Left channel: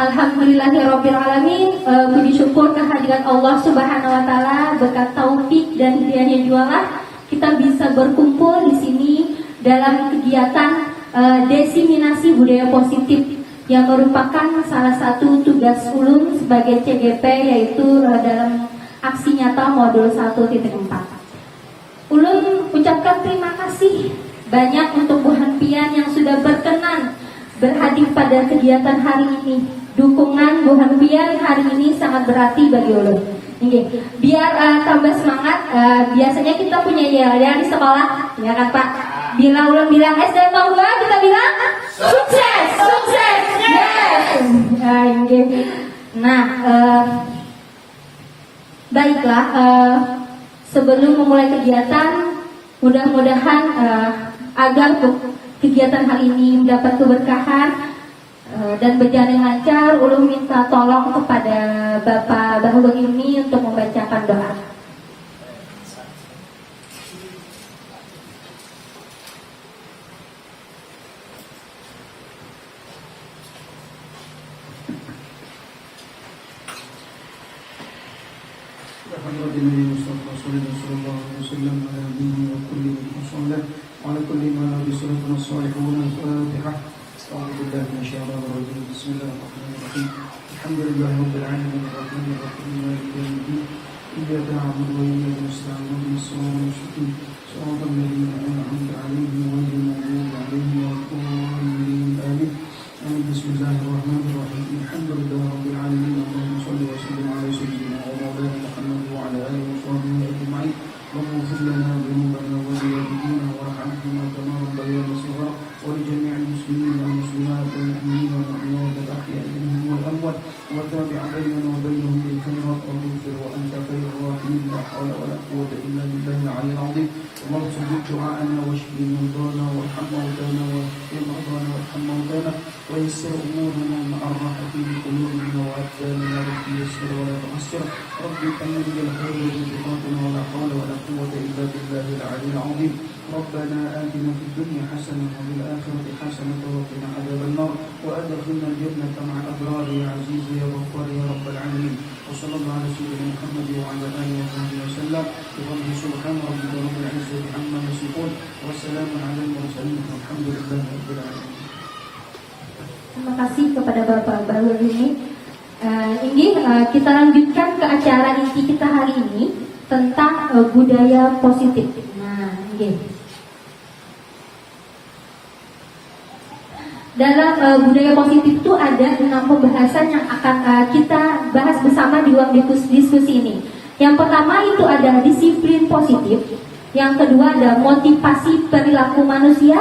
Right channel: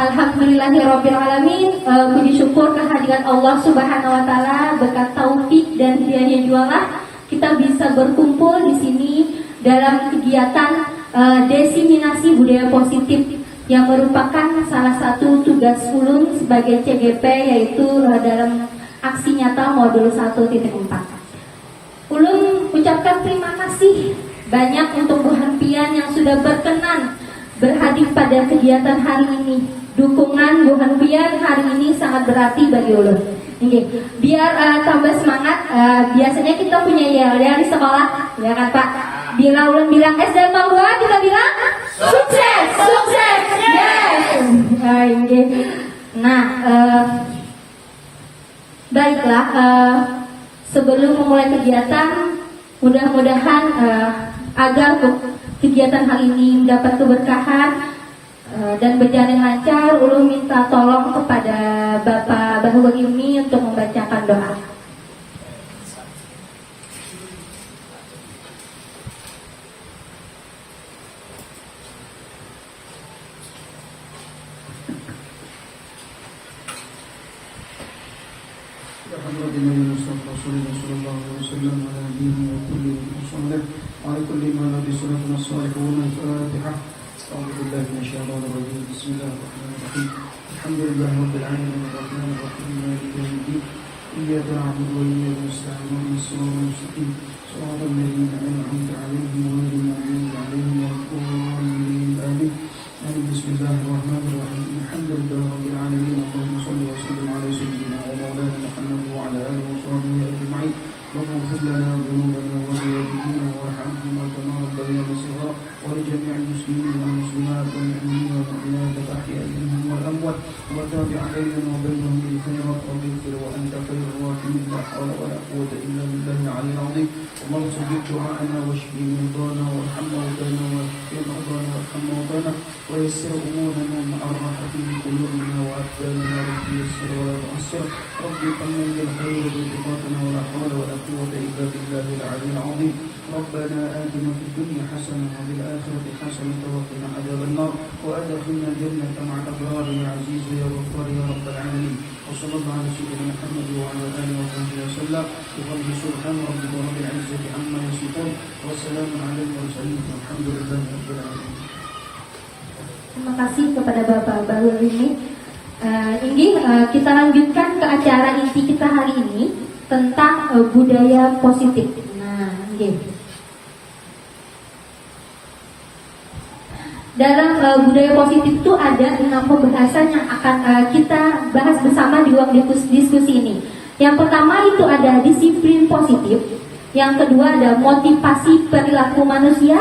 Alhamdulillahirrabbilalamin. Puji syukur kehadiran Allah Subhanahu wa taala, berkat taufik dan hidayahnya jualah kita bisa berkumpul di sini dalam kegiatan desiminasi budaya positif yang merupakan salah satu tugas ulun sebagai CGP, yaitu dalam aksi nyata modul 1.4. Ulun ucapkan terima kasih banyak untuk Bu Hanpian yang sudah berkenan berhadir pada kegiatan hari ini. Dukungan Bu Hanpian hari ini sangat berarti bagi ulun. Biar tambah semangat, biasanya kita punya yel-yel di sekolah, ya kan Pak? Bila ulun bilang S dan bangga, kita bilang sukses, sukses, yes. Nah, baiklah. Sebelum memulai kegiatan, mudah-mudahan agar kegiatan hari ini mendapat keberkahan dan berjalan lancar, ulun minta tolong kepada Bapak Bahwa ini untuk membacakan doa. Alhamdulillah rabbil alamin arrahmanir rahim maliki yaumiddin iyyaka na'budu wa iyyaka nasta'in ihdinas siratal mustaqim siratal ladzina an'amta 'alaihim ghairil maghdubi 'alaihim waladdallin amin. Bismillahirrahmanirrahim. Alhamdulillah rabbil alamin. Allahumma shalli wa sallim ala sayyidina wa maulana Muhammad wa ala alihi wa sahbihi ajma'in. اللهم اغفر لنا ذنوبنا وزيادتنا وارحمهما كما ربيانا صغارا ولجميع المسلمين والمسلمات والمؤمنين والمؤمنات الاحياء منهم والاموات وتابع بيننا وبينهم بالخيرات رب اغفر وانت خير الراحمين لا حول ولا قوه الا بالله العلي العظيم. اللهم ثبت دعاءنا واشف مرضانا وارحم موتانا واشف مرضانا وارحم موتانا ويسر امورنا مع الراحه في قلوبنا وابداننا رب يسر ولا تعسر رب كمل بالخير وبركاتنا ولا حول ولا قوة إلا بالله العلي العظيم. ربنا آتنا في الدنيا حسنة وفي الآخرة حسنة وقنا عذاب النار وأدخلنا الجنة مع الأبرار يا عزيز يا غفار يا رب العالمين. وصلى الله على سيدنا محمد وعلى آله وصحبه وسلم بفضل سبحان ربك رب العزة عما يصفون وسلام على المرسلين والحمد لله رب العالمين. Terima kasih kepada Bapak Bahwa ini. Kita lanjutkan ke acara inti kita hari ini tentang budaya positif. Nah, dalam budaya positif itu ada 6 pembahasan yang akan kita bahas bersama di ruang diskusi ini. Yang pertama itu ada disiplin positif. Yang kedua ada motivasi perilaku manusia.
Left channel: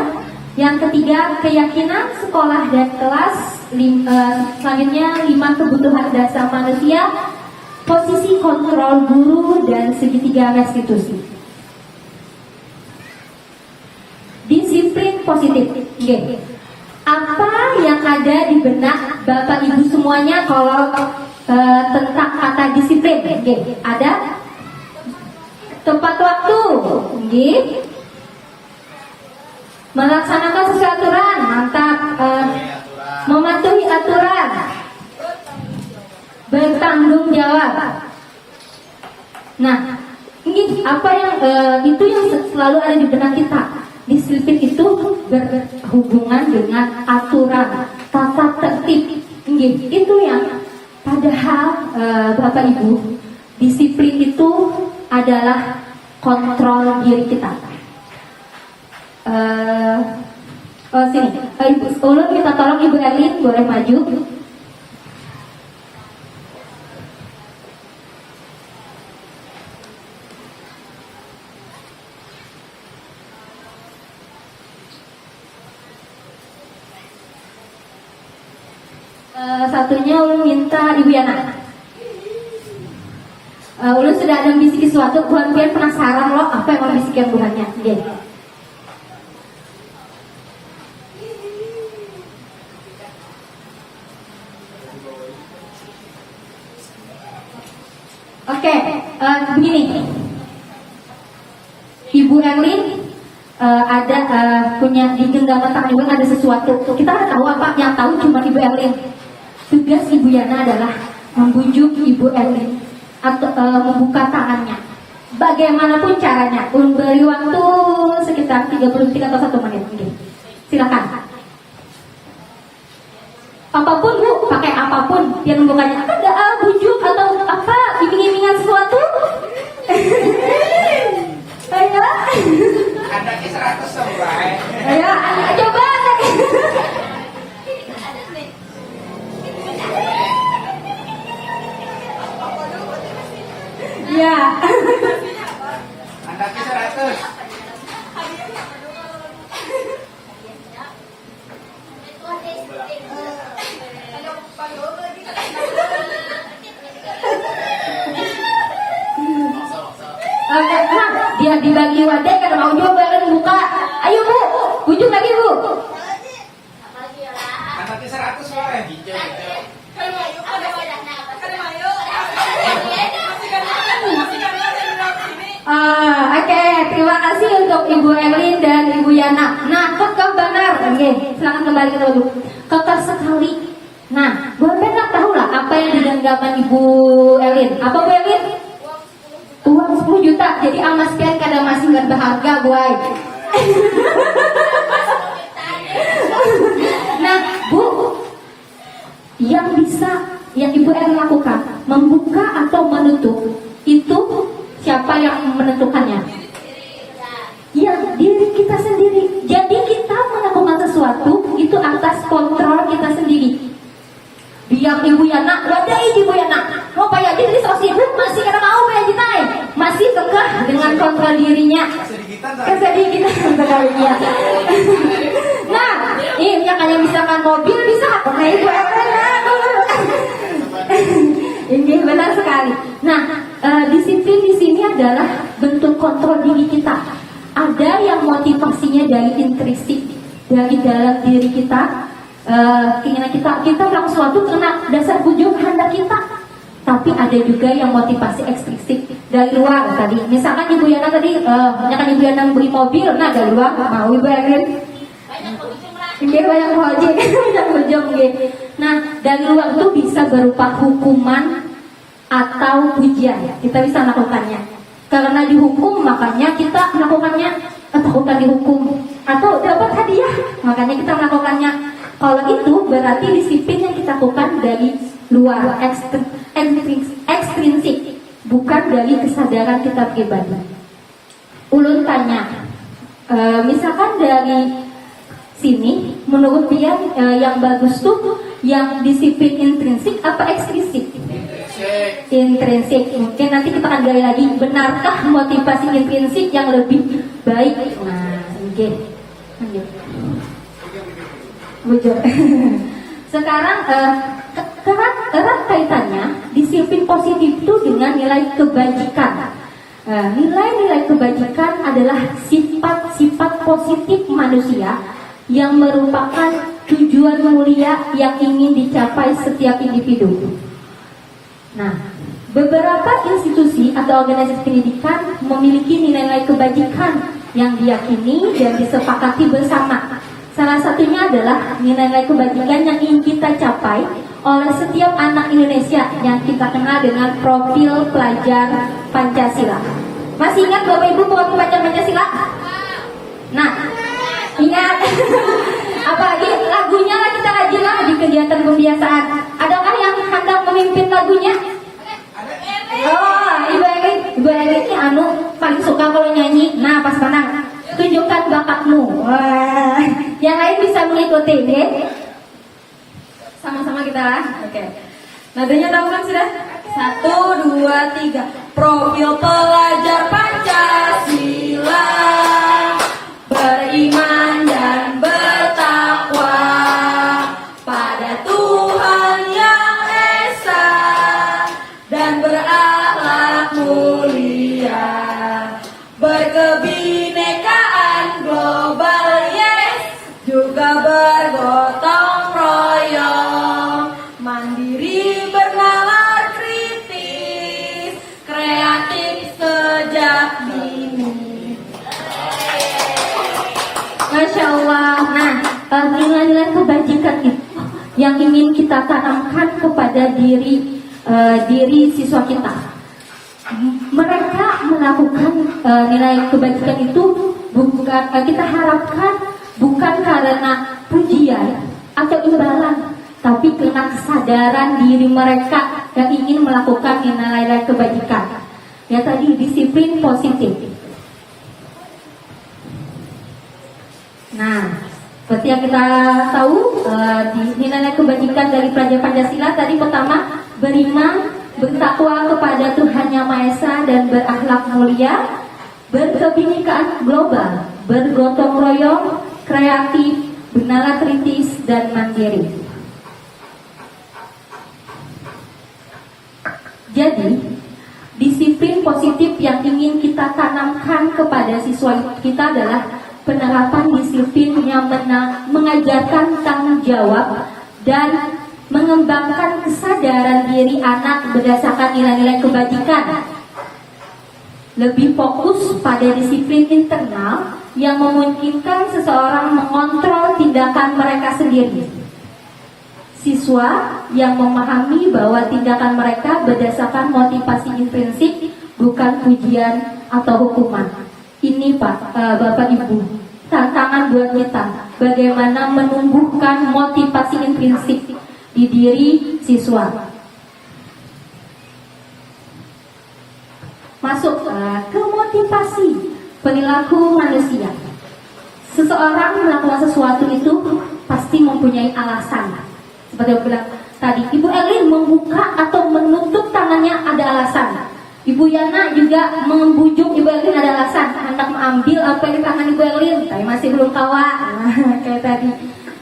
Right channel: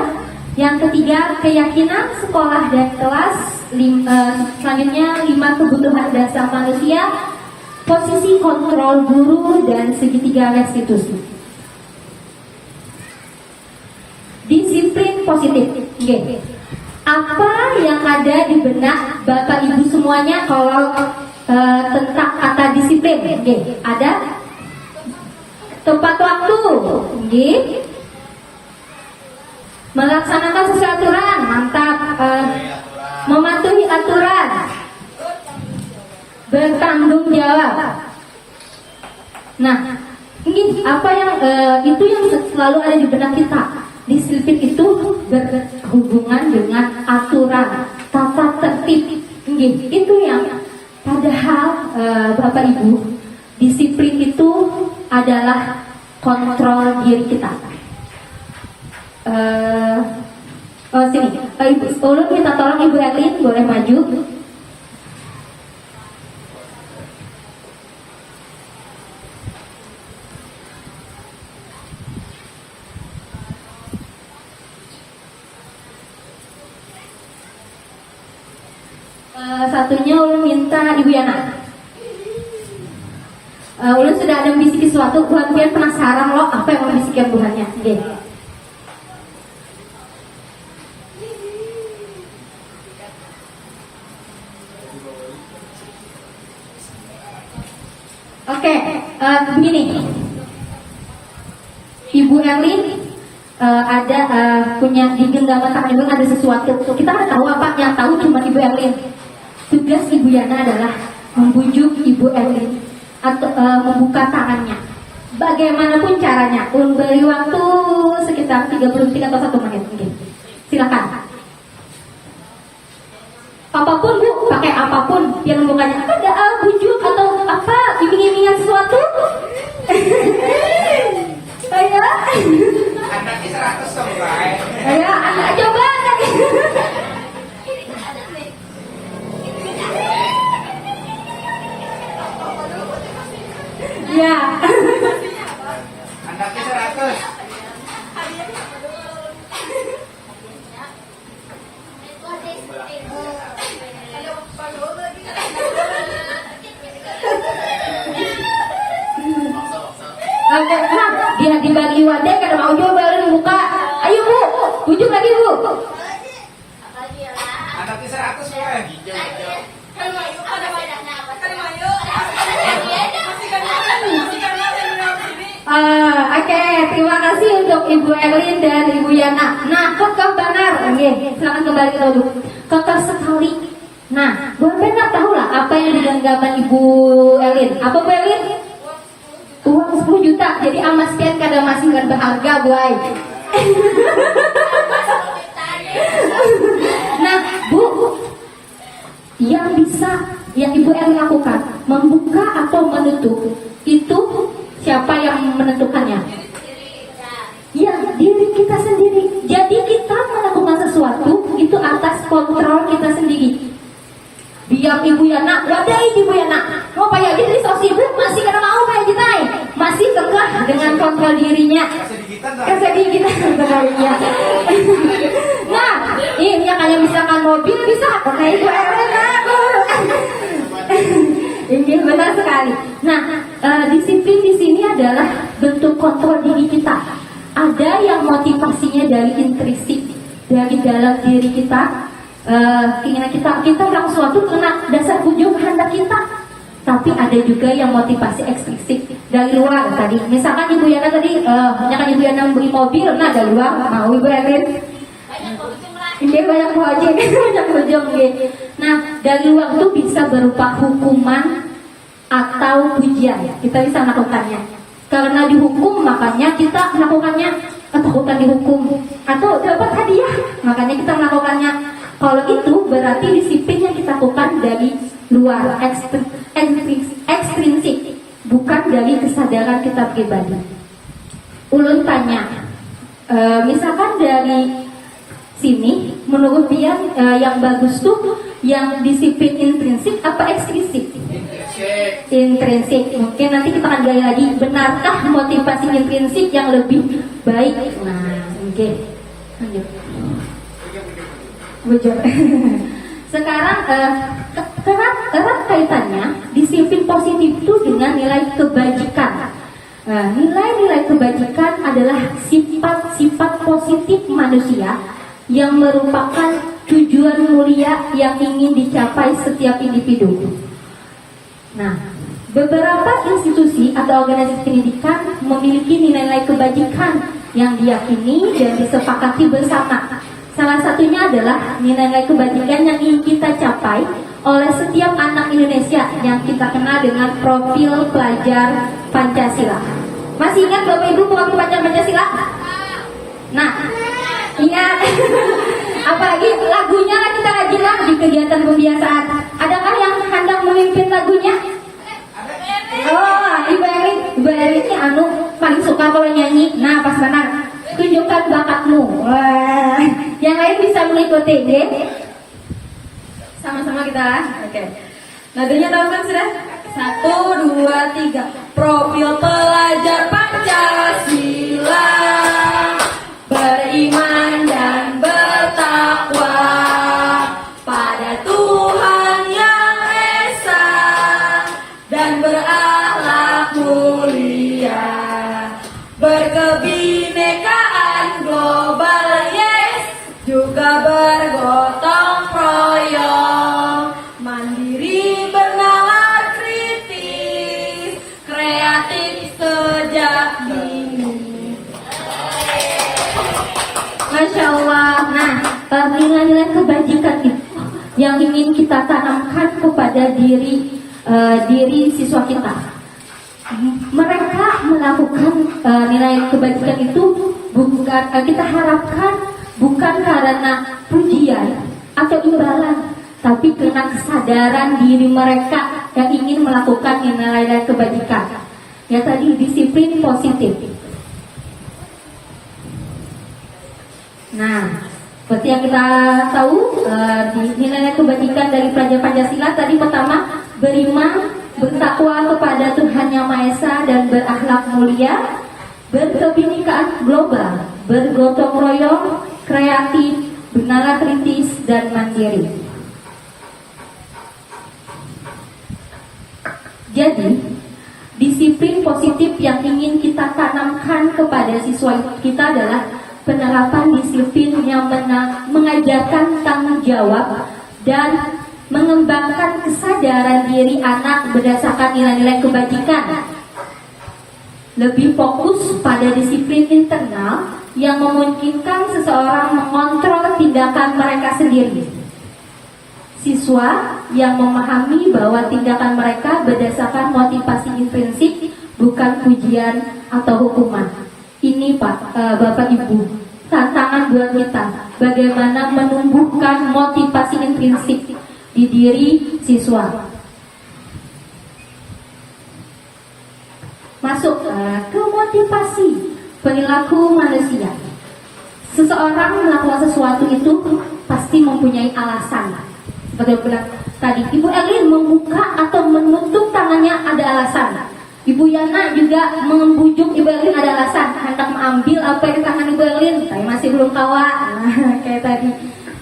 Yang ketiga keyakinan sekolah dan kelas. Selanjutnya 5 kebutuhan dasar manusia, posisi kontrol guru, dan segitiga restitusi. Disiplin positif. Apa yang ada di benak Bapak Ibu semuanya kalau tentang kata disiplin? Ada tepat waktu, melaksanakan sesuai aturan, mantap. Mematuhi aturan, bertanggung jawab. Nah, ini apa yang itu yang selalu ada di benak kita. Disiplin itu berhubungan dengan aturan, tata tertib. Itu yang padahal Bapak Ibu, disiplin itu adalah kontrol diri kita. Sini, Ibu, tolong kita tolong Ibu Erlin, boleh maju. Satunya ulun minta Ibu Yana. Ulun sudah ada membisiki sesuatu, Bu Hanpian penasaran loh apa yang mau bisikin Bu Hannya. Oke, begini, Ibu Erlin ada punya di genggaman tangan Ibu ada sesuatu. Kita nggak tahu apa, yang tahu cuma Ibu Erlin. tugas Ibu Yana adalah membujuk Ibu Elin atau membuka tangannya. Bagaimanapun caranya, beri waktu sekitar 30 detik atau 1 menit mungkin. Silakan. Apapun Bu, pakai apapun yang membukanya. Ada bujuk atau apa, iming-imingan sesuatu? Ayo. Anaknya 100 dong, Pak. Ayo, coba anaknya. Ya. Anaknya 100. Oke, dia dibagi wadah karena mau coba buka. Ayo Bu, bujuk lagi Bu. Anaknya 100, Pak. Oke, terima kasih untuk Ibu Elin dan Ibu Yana. Nah, kekeh benar. Oke, silakan kembali ke dulu. Kekeh sekali. Nah, Bu Benar tahu lah apa yang digenggaman Ibu Elin. Apa Bu Elin? Uang 10 juta. Jadi amas pian kada masih nggak berharga, boy. Nah, Bu, yang bisa yang Ibu Elin lakukan membuka atau menutup itu siapa yang menentukannya? Ya, diri kita sendiri. Jadi kita melakukan sesuatu itu atas kontrol kita sendiri. Biar Ibu Yana, wadai Ibu Yana, mau payah jadi so sibuk masih kada mau bayar jitai, masih kekeh dengan kontrol dirinya. Kesedihan kita sebenarnya. Nah, ini yang kayak misalkan mobil bisa, karena Ibu Elena. Ini benar sekali. Nah, disiplin di sini adalah bentuk kontrol diri kita. Ada yang motivasinya dari intrinsik, dari dalam diri kita. Keinginan kita melakukan sesuatu karena dasar ujung kehendak kita. Tapi ada juga yang motivasi ekstrinsik dari luar tadi. Misalkan Ibu Yana tadi, misalkan Ibu Yana beli mobil, nah dari luar mau Ibu Elin. Ini banyak ojek, banyak ujung gitu. Nah, dari luar itu bisa berupa hukuman atau pujian. Kita bisa melakukannya. Karena dihukum, makanya kita melakukannya. Ketakutan dihukum atau dapat hadiah, makanya kita melakukannya. Kalau itu berarti disiplin yang kita lakukan dari luar, ekstrinsik, bukan dari kesadaran kita pribadi. Ulun tanya, misalkan dari sini, menurut dia yang bagus tuh yang disiplin intrinsik apa ekstrinsik? Intrinsik. Mungkin nanti kita akan gali lagi, benarkah motivasi intrinsik yang lebih baik? Nah, oke, lanjut. Bujur. Sekarang erat kaitannya disiplin positif itu dengan nilai kebajikan. Nilai-nilai kebajikan adalah sifat-sifat positif manusia yang merupakan tujuan mulia yang ingin dicapai setiap individu. Nah, beberapa institusi atau organisasi pendidikan memiliki nilai-nilai kebajikan yang diyakini dan disepakati bersama. Salah satunya adalah nilai-nilai kebajikan yang ingin kita capai oleh setiap anak Indonesia yang kita kenal dengan profil pelajar Pancasila. Masih ingat Bapak Ibu profil pelajar Pancasila? Nah, ingat. Apalagi lagunya lah kita kaji lah di kegiatan pembiasaan. Adakah yang hendak memimpin lagunya? Oh, Ibu Eli ini paling suka kalau nyanyi. Nah, pas mana? Tunjukkan bakatmu. Wah, yang lain bisa mengikuti, ya? Sama-sama kita. Oke. Nadanya tahu kan sudah? 1, 2, 3. Profil pelajar Pancasila, beriman dan bertakwa pada Tuhan yang esa dan berakhlak mulia, berkebinekaan global, yes, juga bergotong royong, mandiri bernalar kritis, kreatif sejak dini. Masya Allah. Nah, nilai-nilai kebajikan itu yang ingin kita tanamkan kepada diri siswa kita. Mereka melakukan nilai kebajikan itu bukan kita harapkan bukan karena pujian atau imbalan, tapi karena kesadaran diri mereka yang ingin melakukan nilai-nilai kebajikan. Ya tadi disiplin positif. Nah, seperti yang kita tahu di nilai-nilai kebajikan dari pelajaran Pancasila tadi pertama beriman, bertakwa kepada Tuhan Yang Maha Esa dan berakhlak mulia, berkebinekaan global, bergotong royong, kreatif, bernalar kritis dan mandiri. Jadi, disiplin positif yang ingin kita tanamkan kepada siswa kita adalah penerapan disiplin yang mengajarkan tanggung jawab dan mengembangkan kesadaran diri anak berdasarkan nilai-nilai kebajikan. Lebih fokus pada disiplin internal yang memungkinkan seseorang mengontrol tindakan mereka sendiri. Siswa yang memahami bahwa tindakan mereka berdasarkan motivasi intrinsik, bukan pujian atau hukuman. Ini Bapak Ibu, tantangan buat kita, bagaimana menumbuhkan motivasi intrinsik di diri siswa. Masuk ke motivasi perilaku manusia. Seseorang melakukan sesuatu itu pasti mempunyai alasan. Seperti yang bilang tadi, Ibu Elin membuka atau menutup tangannya ada alasan. Ibu Yana juga membujuk Ibu Elin ada alasan, hendak mengambil apa di tangan Ibu Elin, tapi masih belum kawan. Kayak tadi.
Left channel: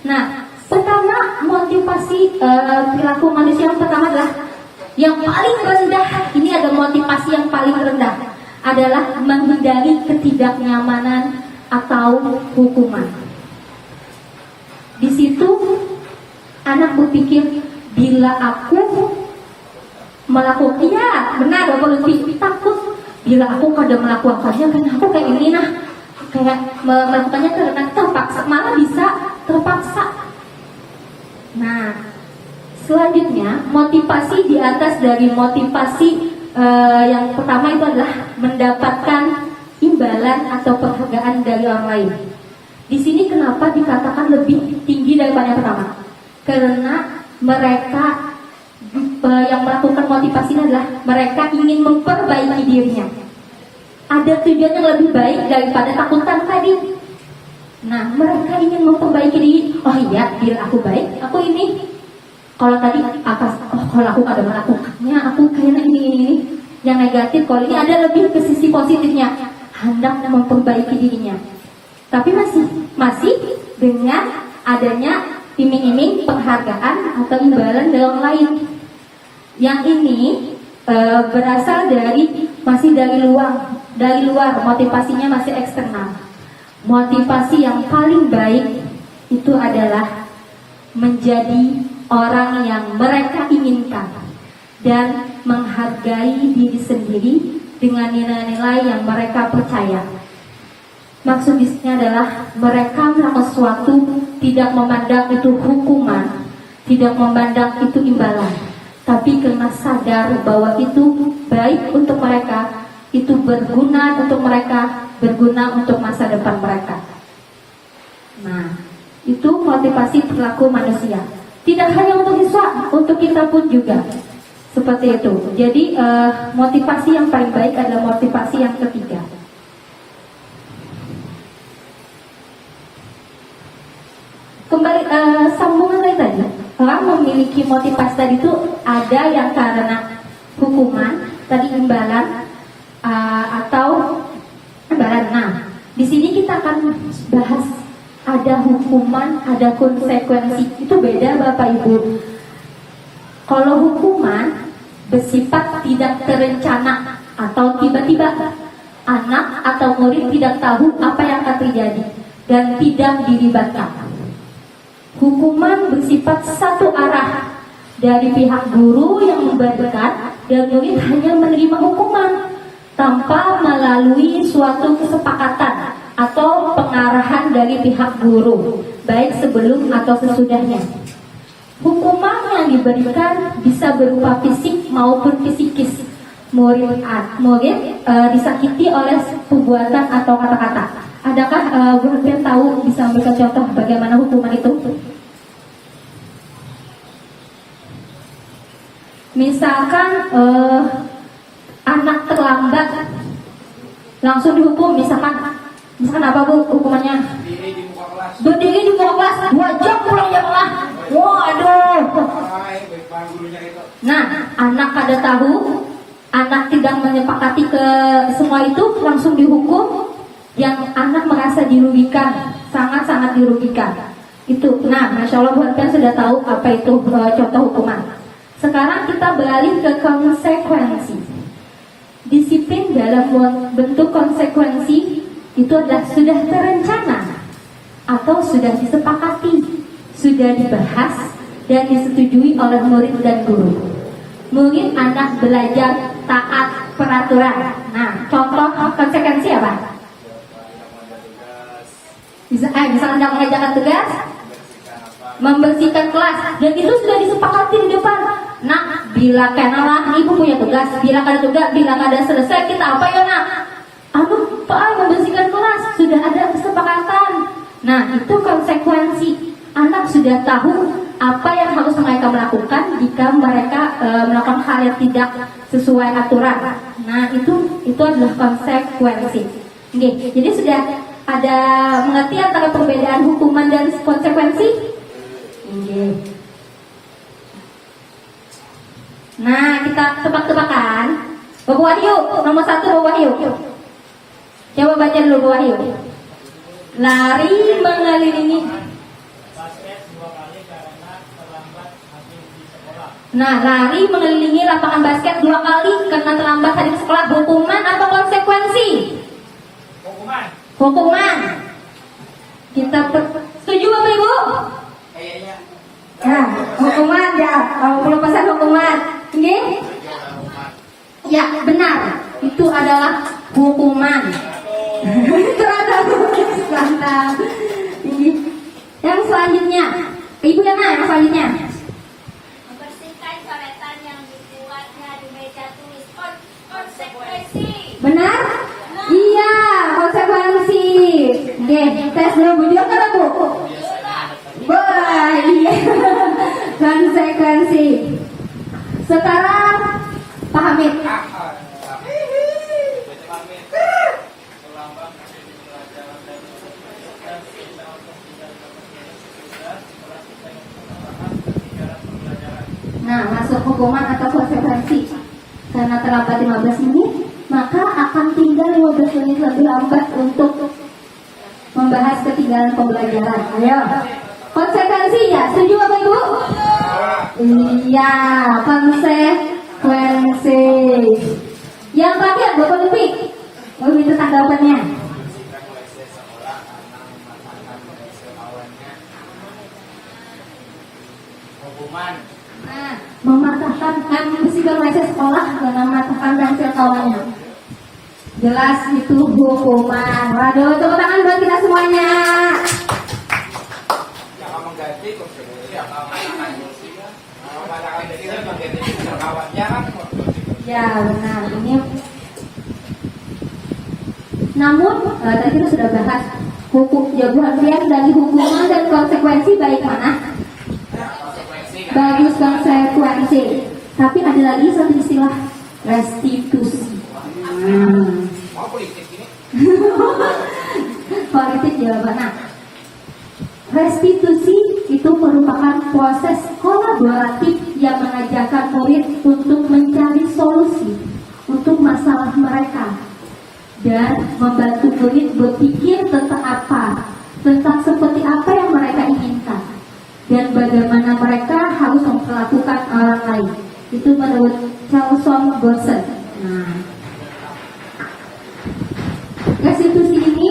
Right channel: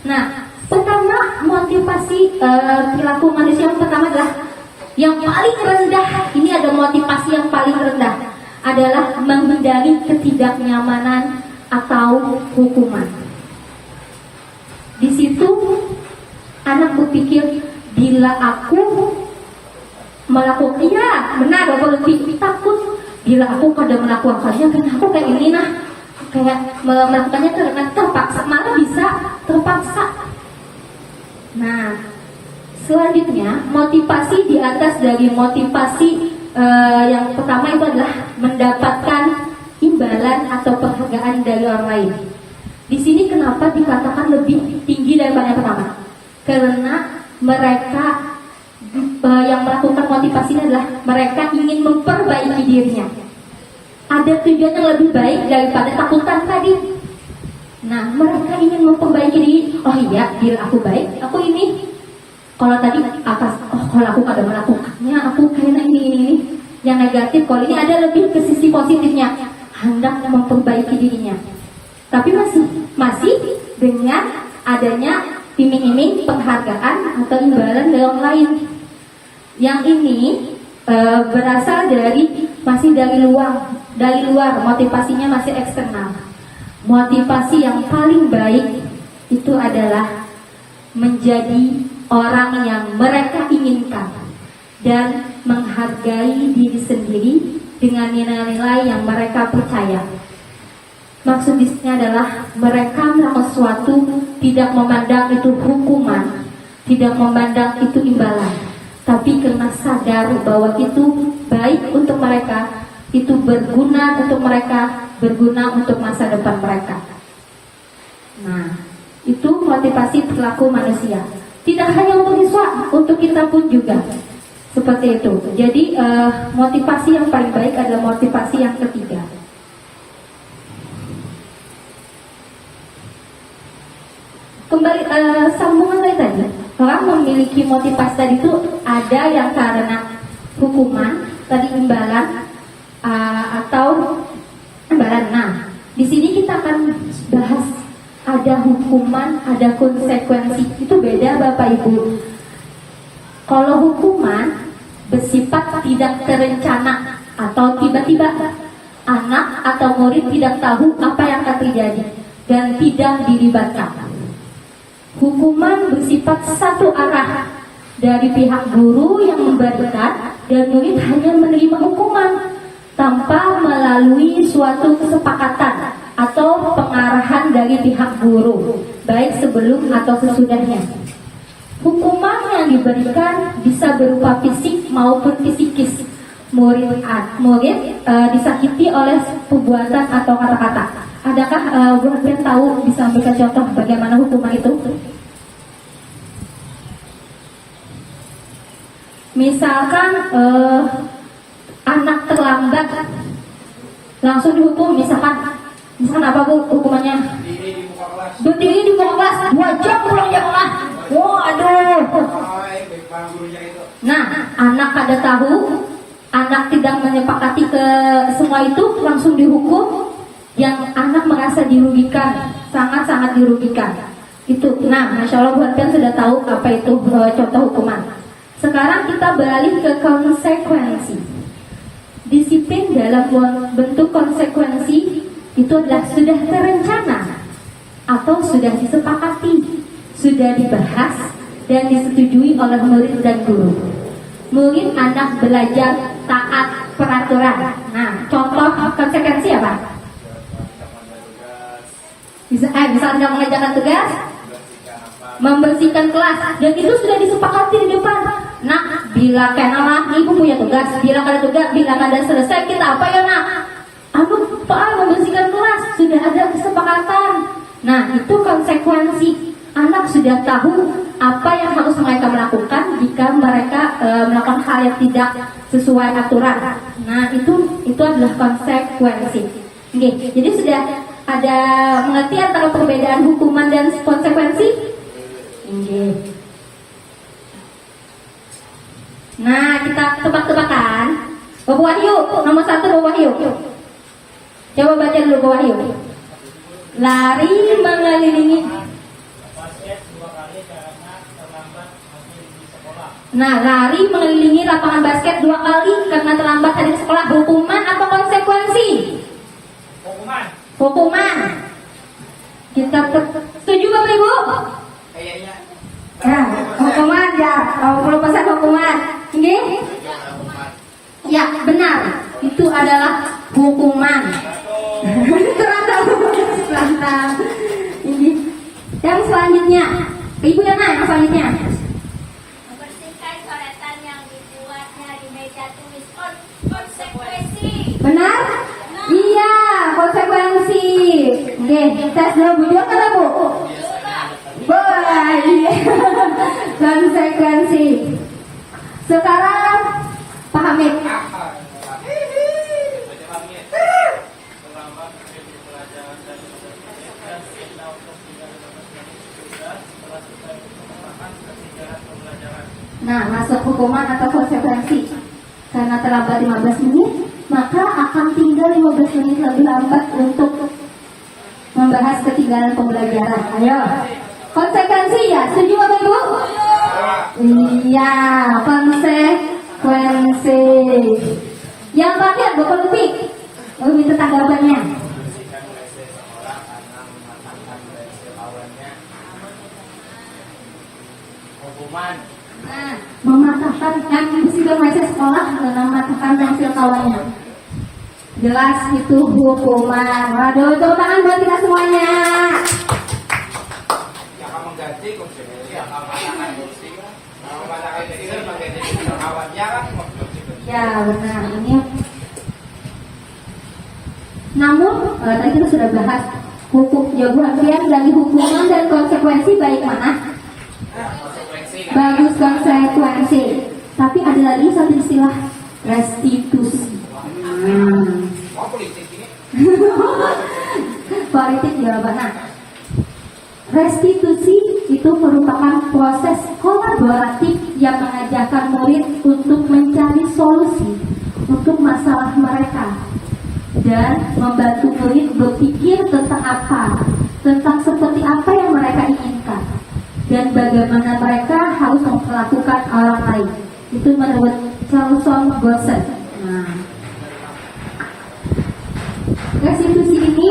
Nah, pertama motivasi perilaku manusia yang pertama adalah yang paling rendah. Ini ada motivasi yang paling rendah adalah menghindari ketidaknyamanan atau hukuman. Di situ anak berpikir, bila aku melakukan, ya benar, Bapak lebih takut bila aku kadang melakukannya karena aku kayak ini kayak melakukannya karena terpaksa, malah bisa terpaksa. Nah, selanjutnya motivasi di atas dari motivasi yang pertama itu adalah mendapatkan imbalan atau penghargaan dari orang lain. Di sini kenapa dikatakan lebih tinggi daripada yang pertama? Karena mereka yang melakukan motivasi ini adalah mereka ingin memperbaiki dirinya. Ada tujuan yang lebih baik daripada takutan tadi. Nah, mereka ingin memperbaiki diri. Oh iya, diri aku baik, aku ini. Kalau tadi kalau aku kada melakukannya, aku kayak ini. Yang negatif, kalau ini ada lebih ke sisi positifnya, hendak memperbaiki dirinya. Tapi masih dengan adanya iming-iming penghargaan atau imbalan dari orang lain. Yang ini berasal masih dari luar, motivasinya masih eksternal. Motivasi yang paling baik itu adalah menjadi orang yang mereka inginkan dan menghargai diri sendiri dengan nilai-nilai yang mereka percaya. Maksudnya adalah mereka melakukan sesuatu tidak memandang itu hukuman, tidak memandang itu imbalan, tapi karena sadar bahwa itu baik untuk mereka, itu berguna untuk mereka, berguna untuk masa depan mereka. Nah, itu motivasi perilaku manusia. Tidak hanya untuk siswa, untuk kita pun juga seperti itu. Jadi motivasi yang paling baik adalah motivasi yang ketiga. Kembali sambungan dari tadi, orang memiliki motivasi tadi itu ada yang karena hukuman, tadi imbalan atau imbalan. Nah, di sini kita akan bahas ada hukuman, ada konsekuensi. Itu beda Bapak Ibu. Kalau hukuman bersifat tidak terencana atau tiba-tiba, anak atau murid tidak tahu apa yang akan terjadi dan tidak dilibatkan. Hukuman bersifat satu arah dari pihak guru yang memberikan dan murid hanya menerima hukuman tanpa melalui suatu kesepakatan atau pengarahan dari pihak guru, baik sebelum atau sesudahnya. Hukuman yang diberikan bisa berupa fisik maupun psikis. Murid disakiti oleh perbuatan atau kata-kata. Adakah buat tahu bisa memberikan contoh bagaimana hukuman itu? Misalkan anak terlambat langsung dihukum, misalkan apa Bu hukumannya? Diri di muka kelas. Berdiri di muka kelas, 2 jam pulang sekolah. Waduh. Baik bang gurunya itu. Nah, anak pada tahu, anak tidak menyepakati ke semua itu, langsung dihukum. Yang anak merasa dirugikan, sangat-sangat dirugikan. Itu, nah, masya Allah buat kan sudah tahu apa itu contoh hukuman. Sekarang kita beralih ke konsekuensi. Disiplin dalam bentuk konsekuensi itu adalah sudah terencana atau sudah disepakati, sudah dibahas dan disetujui oleh murid dan guru. Murid anak belajar taat peraturan. Nah, contoh konsekuensi apa? Bisa tidak mengerjakan tugas, membersihkan kelas, dan itu sudah disepakati di depan. Nak, bila kenalah ibu punya tugas, bila ada tugas, bila ada selesai kita apa ya nak? Aduh, Pak, membersihkan kelas sudah ada kesepakatan. Nah, itu konsekuensi. Anak sudah tahu apa yang harus mereka melakukan jika mereka melakukan hal yang tidak sesuai aturan. Nah, itu adalah konsekuensi. Oke, jadi sudah ada mengerti antara perbedaan hukuman dan konsekuensi? Oke. Nah, kita tebak-tebakan. Bapak Wahyu, nomor 1 Bapak Wahyu. Coba baca dulu Bapak Wahyu. Lari mengelilingi. Nah, lari mengelilingi lapangan basket 2 kali karena terlambat hari sekolah. Hukuman atau konsekuensi? Hukuman. Kita setuju Bapak Ibu? Kayaknya. Nah, hukuman ya. Kalau perlu pesan hukuman. Oke? Ya, benar. Itu adalah hukuman. Ini. Yang selanjutnya, Ibu Yana, yang selanjutnya. Membersihkan coretan yang dibuatnya di meja tulis. Konsekuensi. Benar? Iya, konsekuensi. Oke, tes dulu Bu Jo kan Bu? Wah, iya. Konsekuensi. Sekarang Pak Hamid. Nah, masuk hukuman atau konsekuensi. Karena terlambat 15 menit, maka akan tinggal 15 menit lebih lambat untuk membahas ketinggalan pembelajaran. Ayo, konsekuensi ya, setuju Bapak Ibu? Iya, konsekuensi. Yang terakhir, Bapak Lupi, mau minta tanggapannya. Hukuman. Nah, mematahkan sudah mulai sekolah dengan mematahkan hasil kawannya. Jelas itu hukuman. Waduh, tepuk tangan buat kita semuanya. Akan mengganti konsekuensi atau mengatakan kursi. Kalau mengatakan itu mengganti kawannya kan. Ya, benar. Ini. Namun, tadi kita sudah bahas hukum jawaban pilihan dari hukuman dan konsekuensi baik mana? Bagus konsekuensi. Tapi ada lagi satu istilah, restitusi. Mau politik ini? Politik juga benar. Restitusi itu merupakan proses kolaboratif yang mengajarkan murid untuk mencari solusi untuk masalah mereka dan membantu murid berpikir tentang seperti apa yang mereka inginkan dan bagaimana mereka harus memperlakukan orang lain. Itu menurut Carlson Gossen. Nah, restitusi ini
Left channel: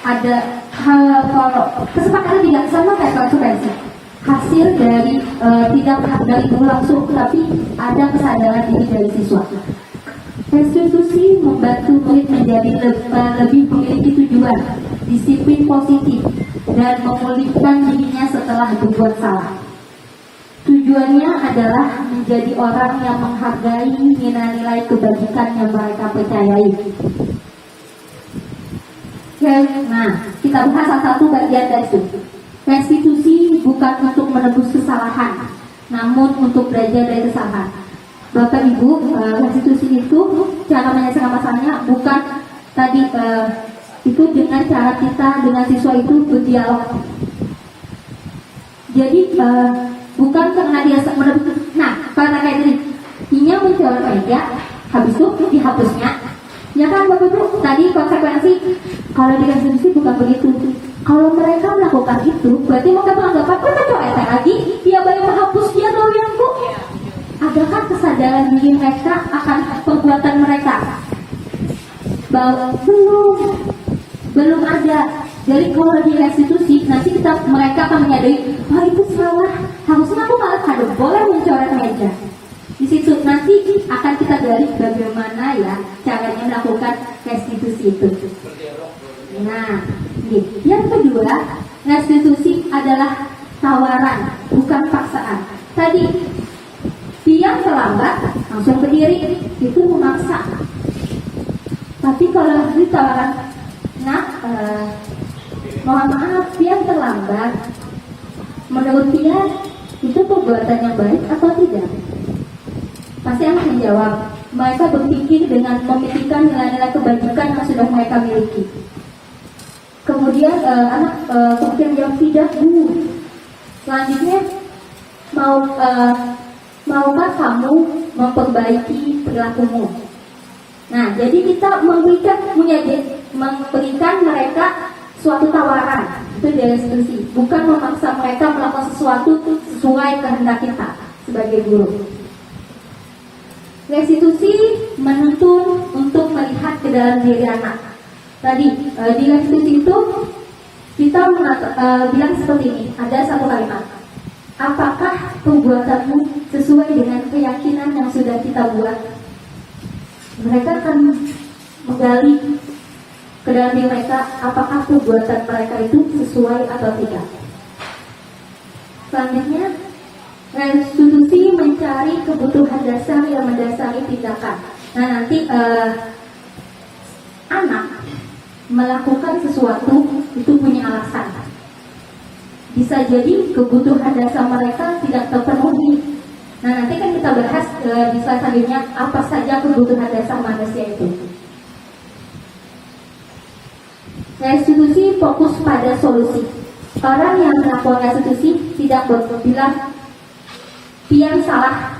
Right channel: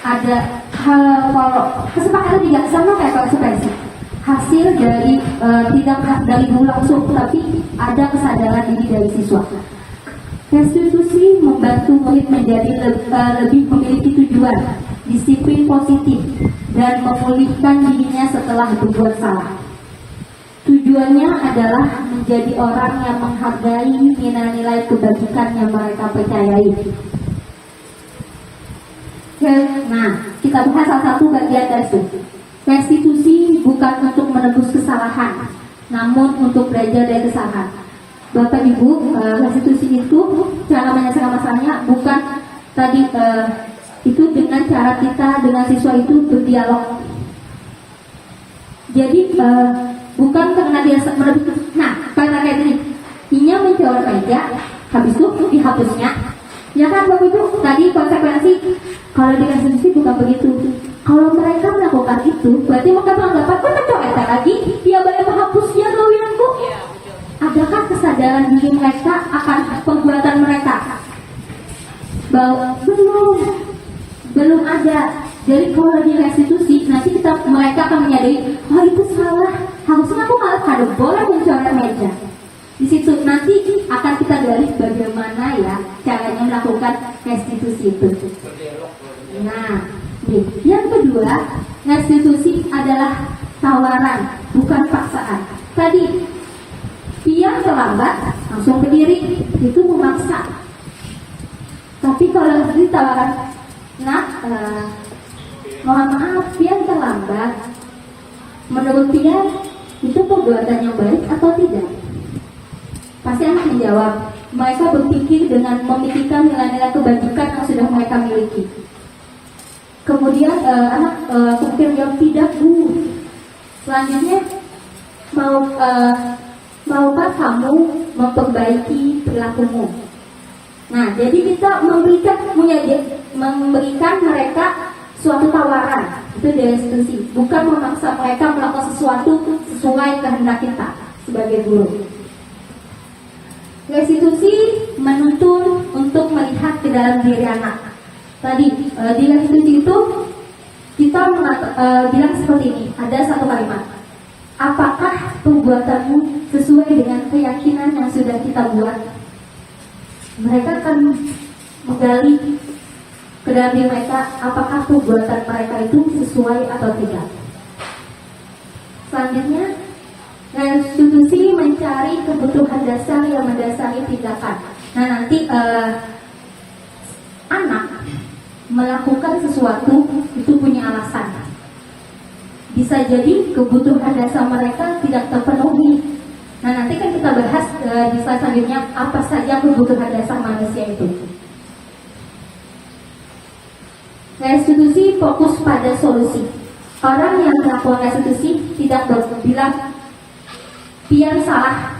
ada kalau kesepakatan tidak sama kayak konsekuensi. Hasil dari tidak dari guru langsung, tapi ada kesadaran diri dari siswa. Restitusi membantu murid menjadi lebih memiliki tujuan, disiplin positif, dan memulihkan dirinya setelah berbuat salah. Tujuannya adalah menjadi orang yang menghargai nilai-nilai kebajikan yang mereka percayai. Nah, kita bahas salah satu bagian dari itu. Restitusi bukan untuk menebus kesalahan, namun untuk belajar dari kesalahan. Bapak Ibu, restitusi itu cara menyelesaikan masalahnya bukan tadi itu dengan cara kita dengan siswa itu berdialog. Jadi bukan karena dia menebus. Nah, karena kayak gini, dia mencoret meja, habis itu dihapusnya. Ya kan Bapak Ibu, tadi konsekuensi kalau di restitusi bukan begitu. Kalau mereka melakukan itu, berarti mereka beranggapan kok mencoret lagi, dia boleh menghapus dia doyanku. Adakah kesadaran diri mereka akan perbuatan mereka? Belum ada. Jadi kalau di restitusi, nanti mereka akan menyadari, oh itu salah, harusnya aku malah ada boleh mencoret meja. Di situ nanti akan kita gali bagaimana ya caranya melakukan restitusi itu. Nah, yang kedua, restitusi adalah tawaran, bukan paksaan. Tadi pian terlambat, langsung berdiri, itu memaksa. Tapi kalau ditawaran, mohon maaf, pian terlambat. Menurut pian, itu perbuatan yang baik atau tidak? Pasti akan menjawab. Mereka berpikir dengan memikirkan nilai-nilai kebajikan yang sudah mereka miliki. Kemudian anak kemudian yang tidak Bu. Selanjutnya maukah kamu memperbaiki perilakumu? Nah, jadi kita memberikan mereka suatu tawaran, itu dari restitusi, bukan memaksa mereka melakukan sesuatu sesuai kehendak kita sebagai guru. Restitusi menuntun untuk melihat ke dalam diri anak. Tadi di restitusi itu kita bilang seperti ini, ada satu kalimat. Apakah perbuatanmu sesuai dengan keyakinan yang sudah kita buat? Mereka akan menggali ke dalam diri mereka, apakah perbuatan mereka itu sesuai atau tidak. Selanjutnya, restitusi mencari kebutuhan dasar yang mendasari tindakan. Nah, nanti anak melakukan sesuatu itu punya alasan. Bisa jadi kebutuhan dasar mereka tidak terpenuhi. Nah, nanti kan kita bahas di slide selanjutnya apa saja kebutuhan dasar manusia itu. Restitusi fokus pada solusi. Orang yang melakukan restitusi tidak bilang pian salah.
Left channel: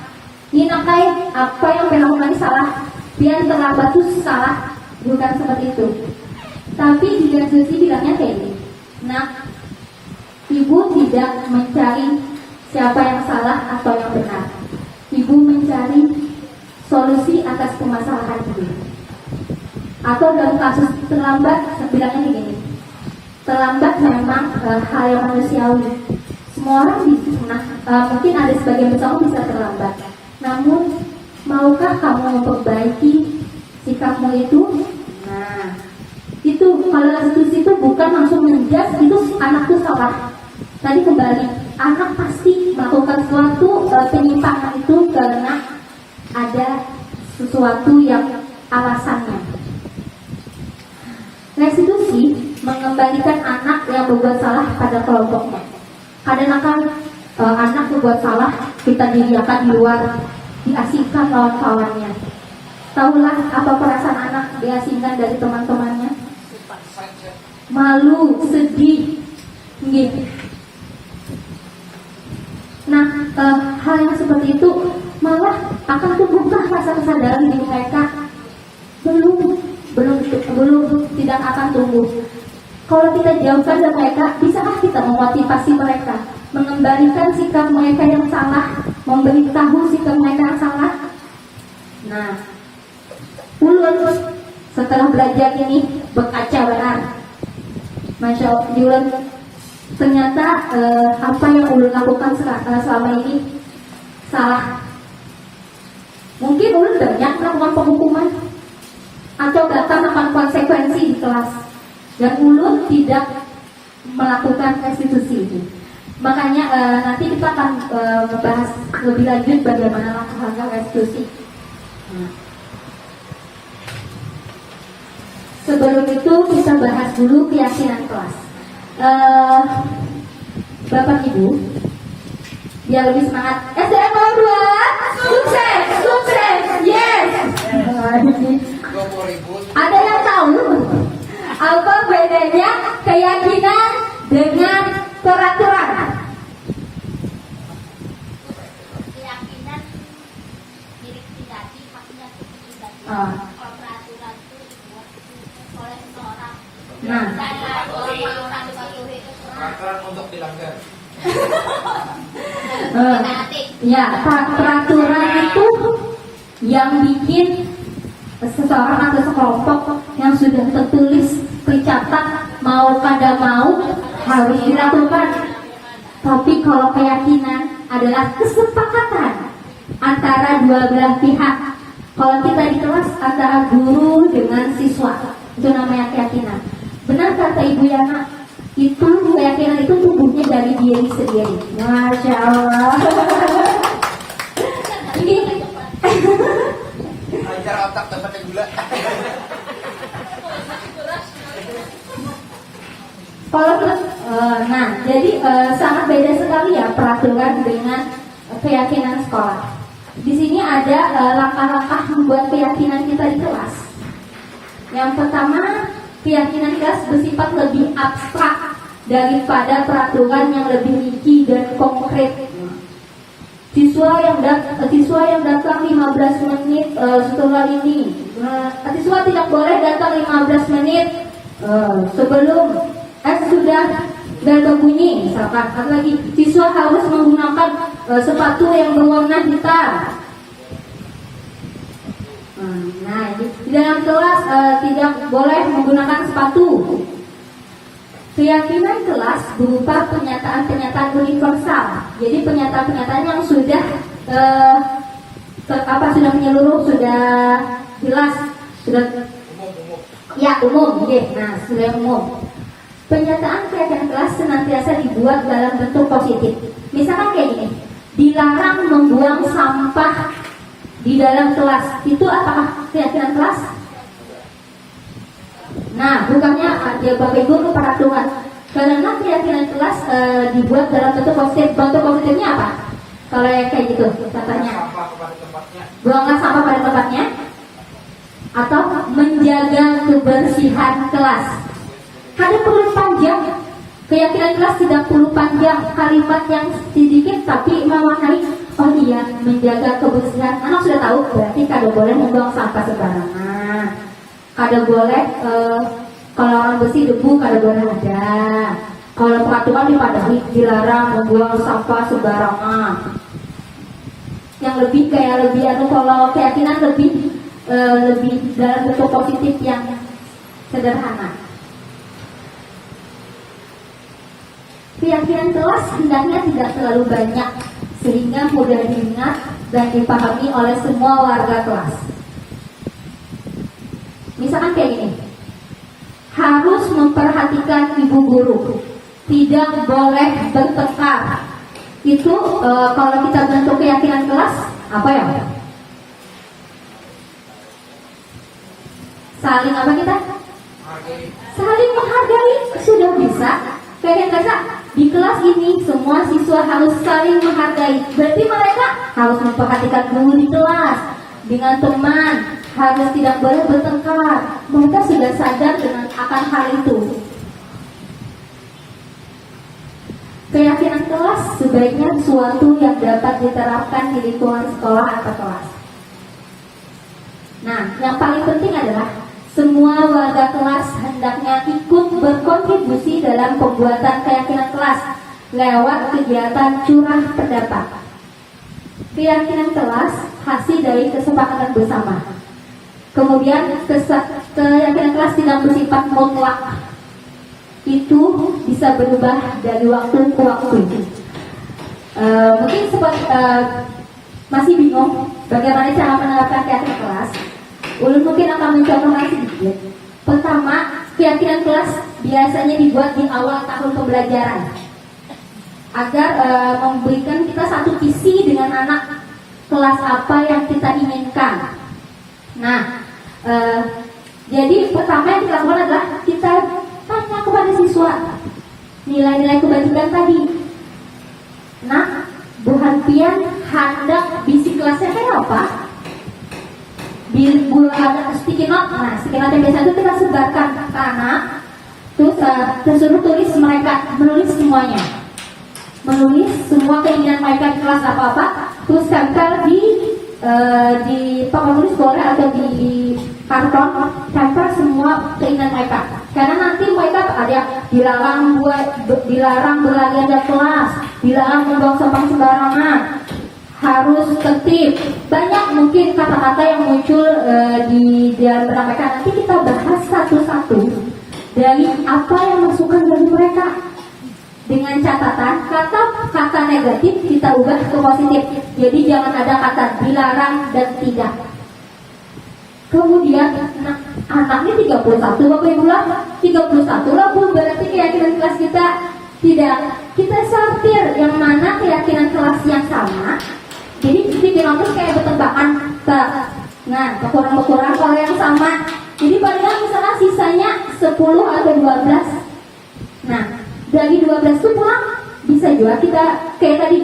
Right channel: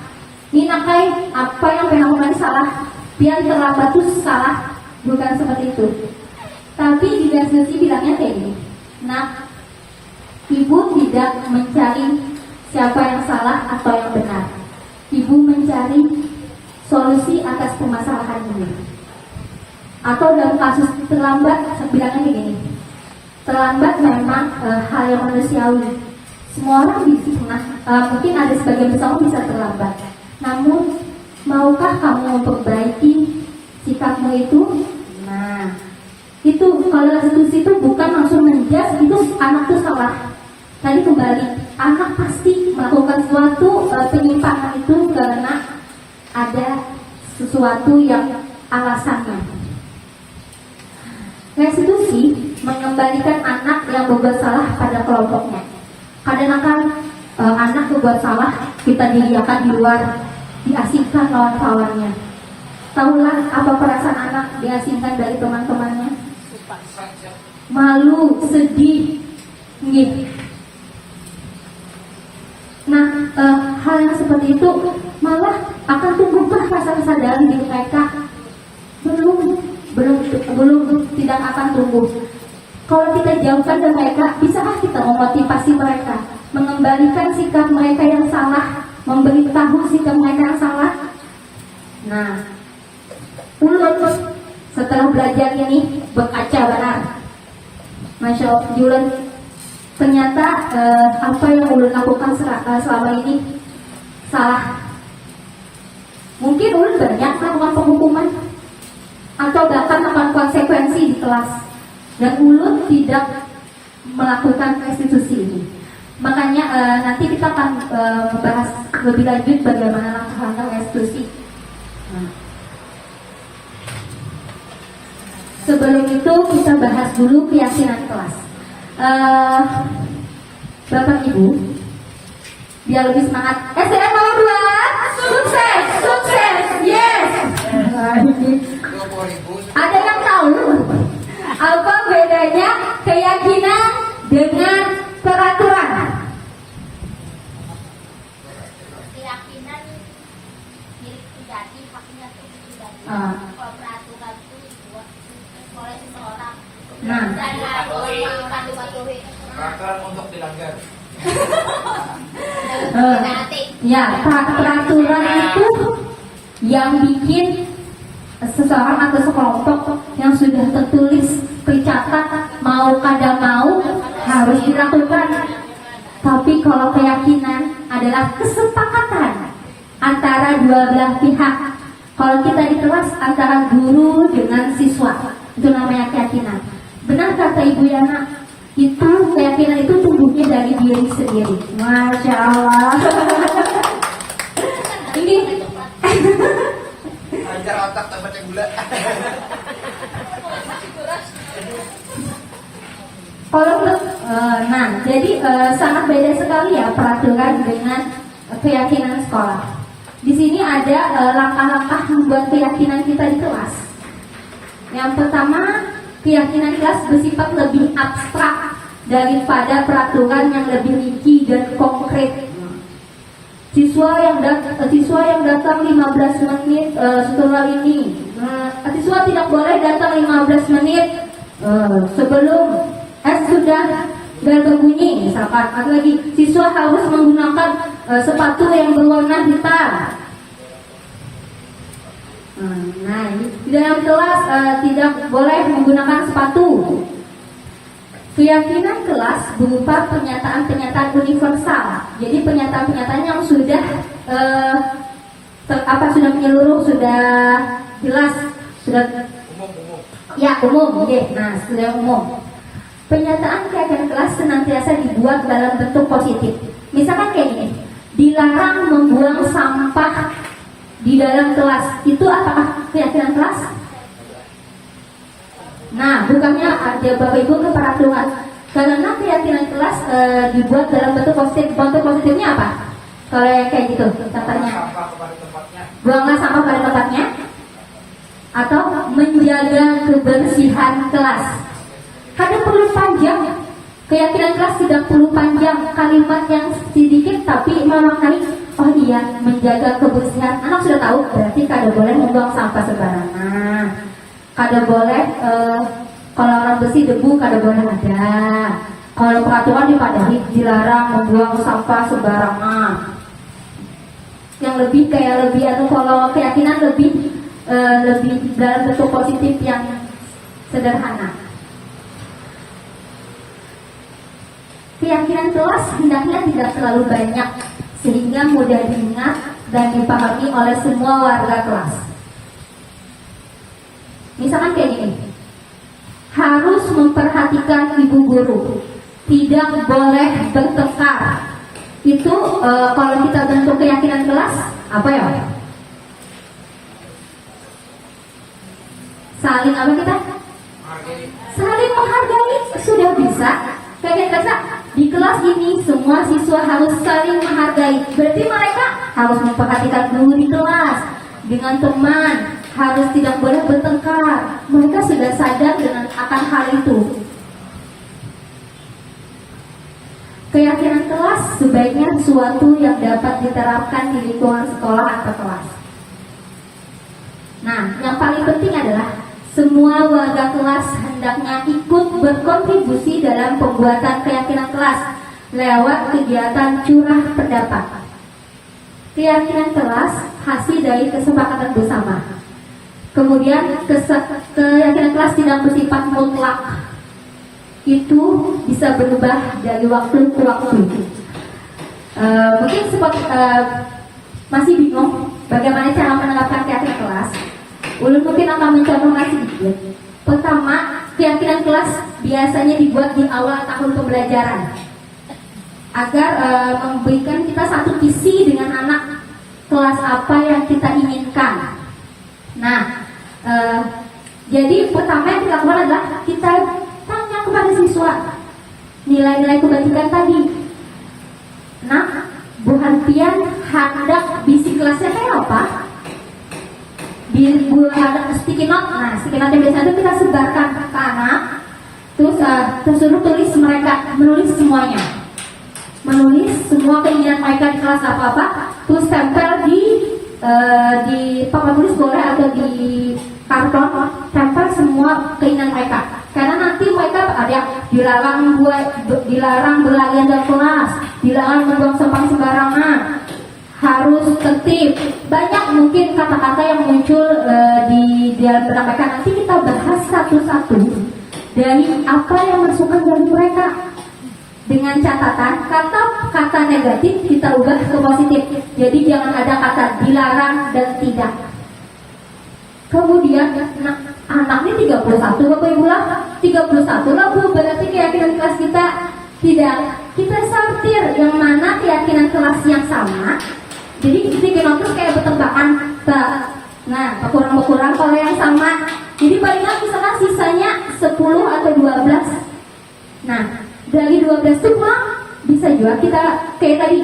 Ini nakai apa yang dilakukan salah. Pian terlambat itu salah. Bukan seperti itu. Tapi di restitusi bilangnya kayak gini. Nah, ibu tidak mencari siapa yang salah atau yang benar. Ibu mencari solusi atas permasalahan ini. Atau dalam kasus terlambat, bilangnya begini. Terlambat memang hal yang manusiawi. Semua orang bisa, mungkin ada sebagian besar bisa terlambat. Namun, maukah kamu memperbaiki sikapmu itu? Nah, itu kalau restitusi itu bukan langsung menjas itu anak itu salah. Tadi kembali, anak pasti melakukan suatu penyimpangan itu karena ada sesuatu yang alasannya. Restitusi mengembalikan anak yang berbuat salah pada kelompoknya. Kadang-kadang anak berbuat salah, kita dibiarkan di luar, diasingkan kawan-kawannya. Tahulah apa perasaan anak diasingkan dari teman-temannya? Malu, sedih, gitu. Nah, hal yang seperti itu malah akan tumbuhkan rasa kesadaran di mereka. Belum tidak akan tumbuh. Kalau kita jauhkan dari mereka, bisakah kita memotivasi mereka, mengembalikan sikap mereka yang salah, memberitahu sikap mereka yang salah? Nah, Ulun setelah belajar ini berkaca benar. Masya Allah, Ulun ternyata apa yang Ulun lakukan selama ini salah. Mungkin Ulun banyak melakukan penghukuman atau bahkan akan konsekuensi di kelas, dan Ulun tidak melakukan restitusi ini. Makanya nanti kita akan membahas lebih lanjut bagaimana langkah-langkah restitusi. Nah. Sebelum itu kita bahas dulu keyakinan kelas. Bapak Ibu, biar lebih semangat. STM nomor 2, sukses, sukses, yes. Ada yang tahu apa bedanya keyakinan dengan peraturan? Keyakinan milik pribadi, haknya pribadi. Kalau peraturan itu dibuat oleh seseorang. Nah. Saya orang dipatuhi. Peraturan untuk dilanggar. Ya, peraturan itu yang bikin seseorang atau sekelompok yang sudah tertulis tercatat mau kada mau harus dilakukan. Tapi kalau keyakinan adalah kesepakatan antara dua belah pihak. Kalau kita di kelas antara guru dengan siswa, itu namanya keyakinan. Benar kata Ibu Yana, itu keyakinan itu tumbuhnya dari diri sendiri. Masya Allah. Ini Lancar otak ke baca gula. kalau nah, jadi sangat beda sekali ya peraturan dengan keyakinan sekolah. Di sini ada langkah-langkah membuat keyakinan kita di kelas. Yang pertama, keyakinan kelas bersifat lebih abstrak daripada peraturan yang lebih rinci dan konkret. Siswa yang datang 15 menit setelah ini, siswa tidak boleh datang 15 menit sebelum sudah berbunyi, misalkan. Atau lagi, siswa harus menggunakan sepatu yang berwarna hitam. Nah, di dalam kelas tidak boleh menggunakan sepatu. Keyakinan kelas berupa pernyataan-pernyataan universal. Jadi pernyataan-pernyataan yang sudah sudah menyeluruh, sudah jelas, sudah ya umum. Nah, sudah umum. Pernyataan keyakinan kelas senantiasa dibuat dalam bentuk positif. Misalkan kayak gini, dilarang membuang sampah di dalam kelas. Itu apakah keyakinan kelas? Nah, bukannya dia Bapak Ibu ke peraturan. Karena keyakinan kelas dibuat dalam bentuk positif. Bentuk positifnya apa? Kalau yang kayak gitu, contohnya buanglah sampah pada tempatnya, atau menjaga kebersihan kelas. Kada perlu panjang. Keyakinan kelas tidak perlu panjang, kalimat yang sedikit tapi memaknai. Oh iya, menjaga kebersihan. Anak sudah tahu, berarti kada boleh membuang sampah sembarangan. Kada boleh kalau orang bersih debu kada boleh ada. Kalau peraturan dipadahi dilarang membuang sampah sembarangan. Yang lebih atau kalau keyakinan lebih dalam bentuk positif yang sederhana. Keyakinan kelas hendaknya tidak terlalu banyak sehingga mudah diingat dan dipahami oleh semua warga kelas. Misalkan kayak gini, harus memperhatikan ibu guru, tidak boleh bertengkar. Itu kalau kita bentuk keyakinan kelas, apa ya? Saling apa kita? Saling menghargai, sudah bisa. Kayak kata di kelas ini semua siswa harus saling menghargai. Berarti mereka harus memperhatikan guru di kelas. Dengan teman harus tidak boleh bertengkar. Mereka sudah sadar dengan akan hal itu. Keyakinan kelas sebaiknya suatu yang dapat diterapkan di lingkungan sekolah atau kelas. Nah, yang paling penting adalah semua warga kelas hendaknya ikut berkontribusi dalam pembuatan keyakinan kelas lewat kegiatan curah pendapat. Keyakinan kelas hasil dari kesepakatan bersama. Kemudian keyakinan kelas tidak bersifat mutlak. Itu bisa berubah dari waktu ke waktu. Mungkin masih bingung bagaimana cara menerapkan keyakinan kelas. Ulun mungkin akan mencontohkan sedikit. Pertama, keyakinan kelas biasanya dibuat di awal tahun pembelajaran agar memberikan kita satu visi dengan anak kelas apa yang kita inginkan. Nah, jadi pertama yang dilakukan adalah kita tanya kepada siswa nilai-nilai kebajikan tadi. Nah, Bu Hanpian hendak bisi kelasnya kayak apa? Di ada sticky note, nah sticky note yang biasa itu kita sebarkan ke anak, terus tersuruh tulis mereka menulis semuanya, menulis semua keinginan mereka di kelas apa-apa, terus tempel di papan tulis boleh atau di karton, tempel semua keinginan mereka. Karena nanti mereka ada yang dilarang berlarian dari kelas, dilarang membuang sampah sembarangan, harus tertib. Banyak mungkin kata-kata yang muncul di dalam benak mereka. Nanti kita bahas satu-satu dari apa yang masukkan dari mereka. Dengan catatan kata negatif kita ubah ke positif. Jadi jangan ada kata dilarang dan tidak. Kemudian anaknya 31 Bapak Ibu lah, 31 lah Bu, berarti keyakinan kelas kita tidak. Kita sortir yang mana keyakinan kelas yang sama. Jadi dikenal kayak bertembakan. Nah, ukuran kalau yang sama. Jadi paling misalnya sisanya 10 atau 12. Nah, dari 12 itu pulang bisa juga kita kayak tadi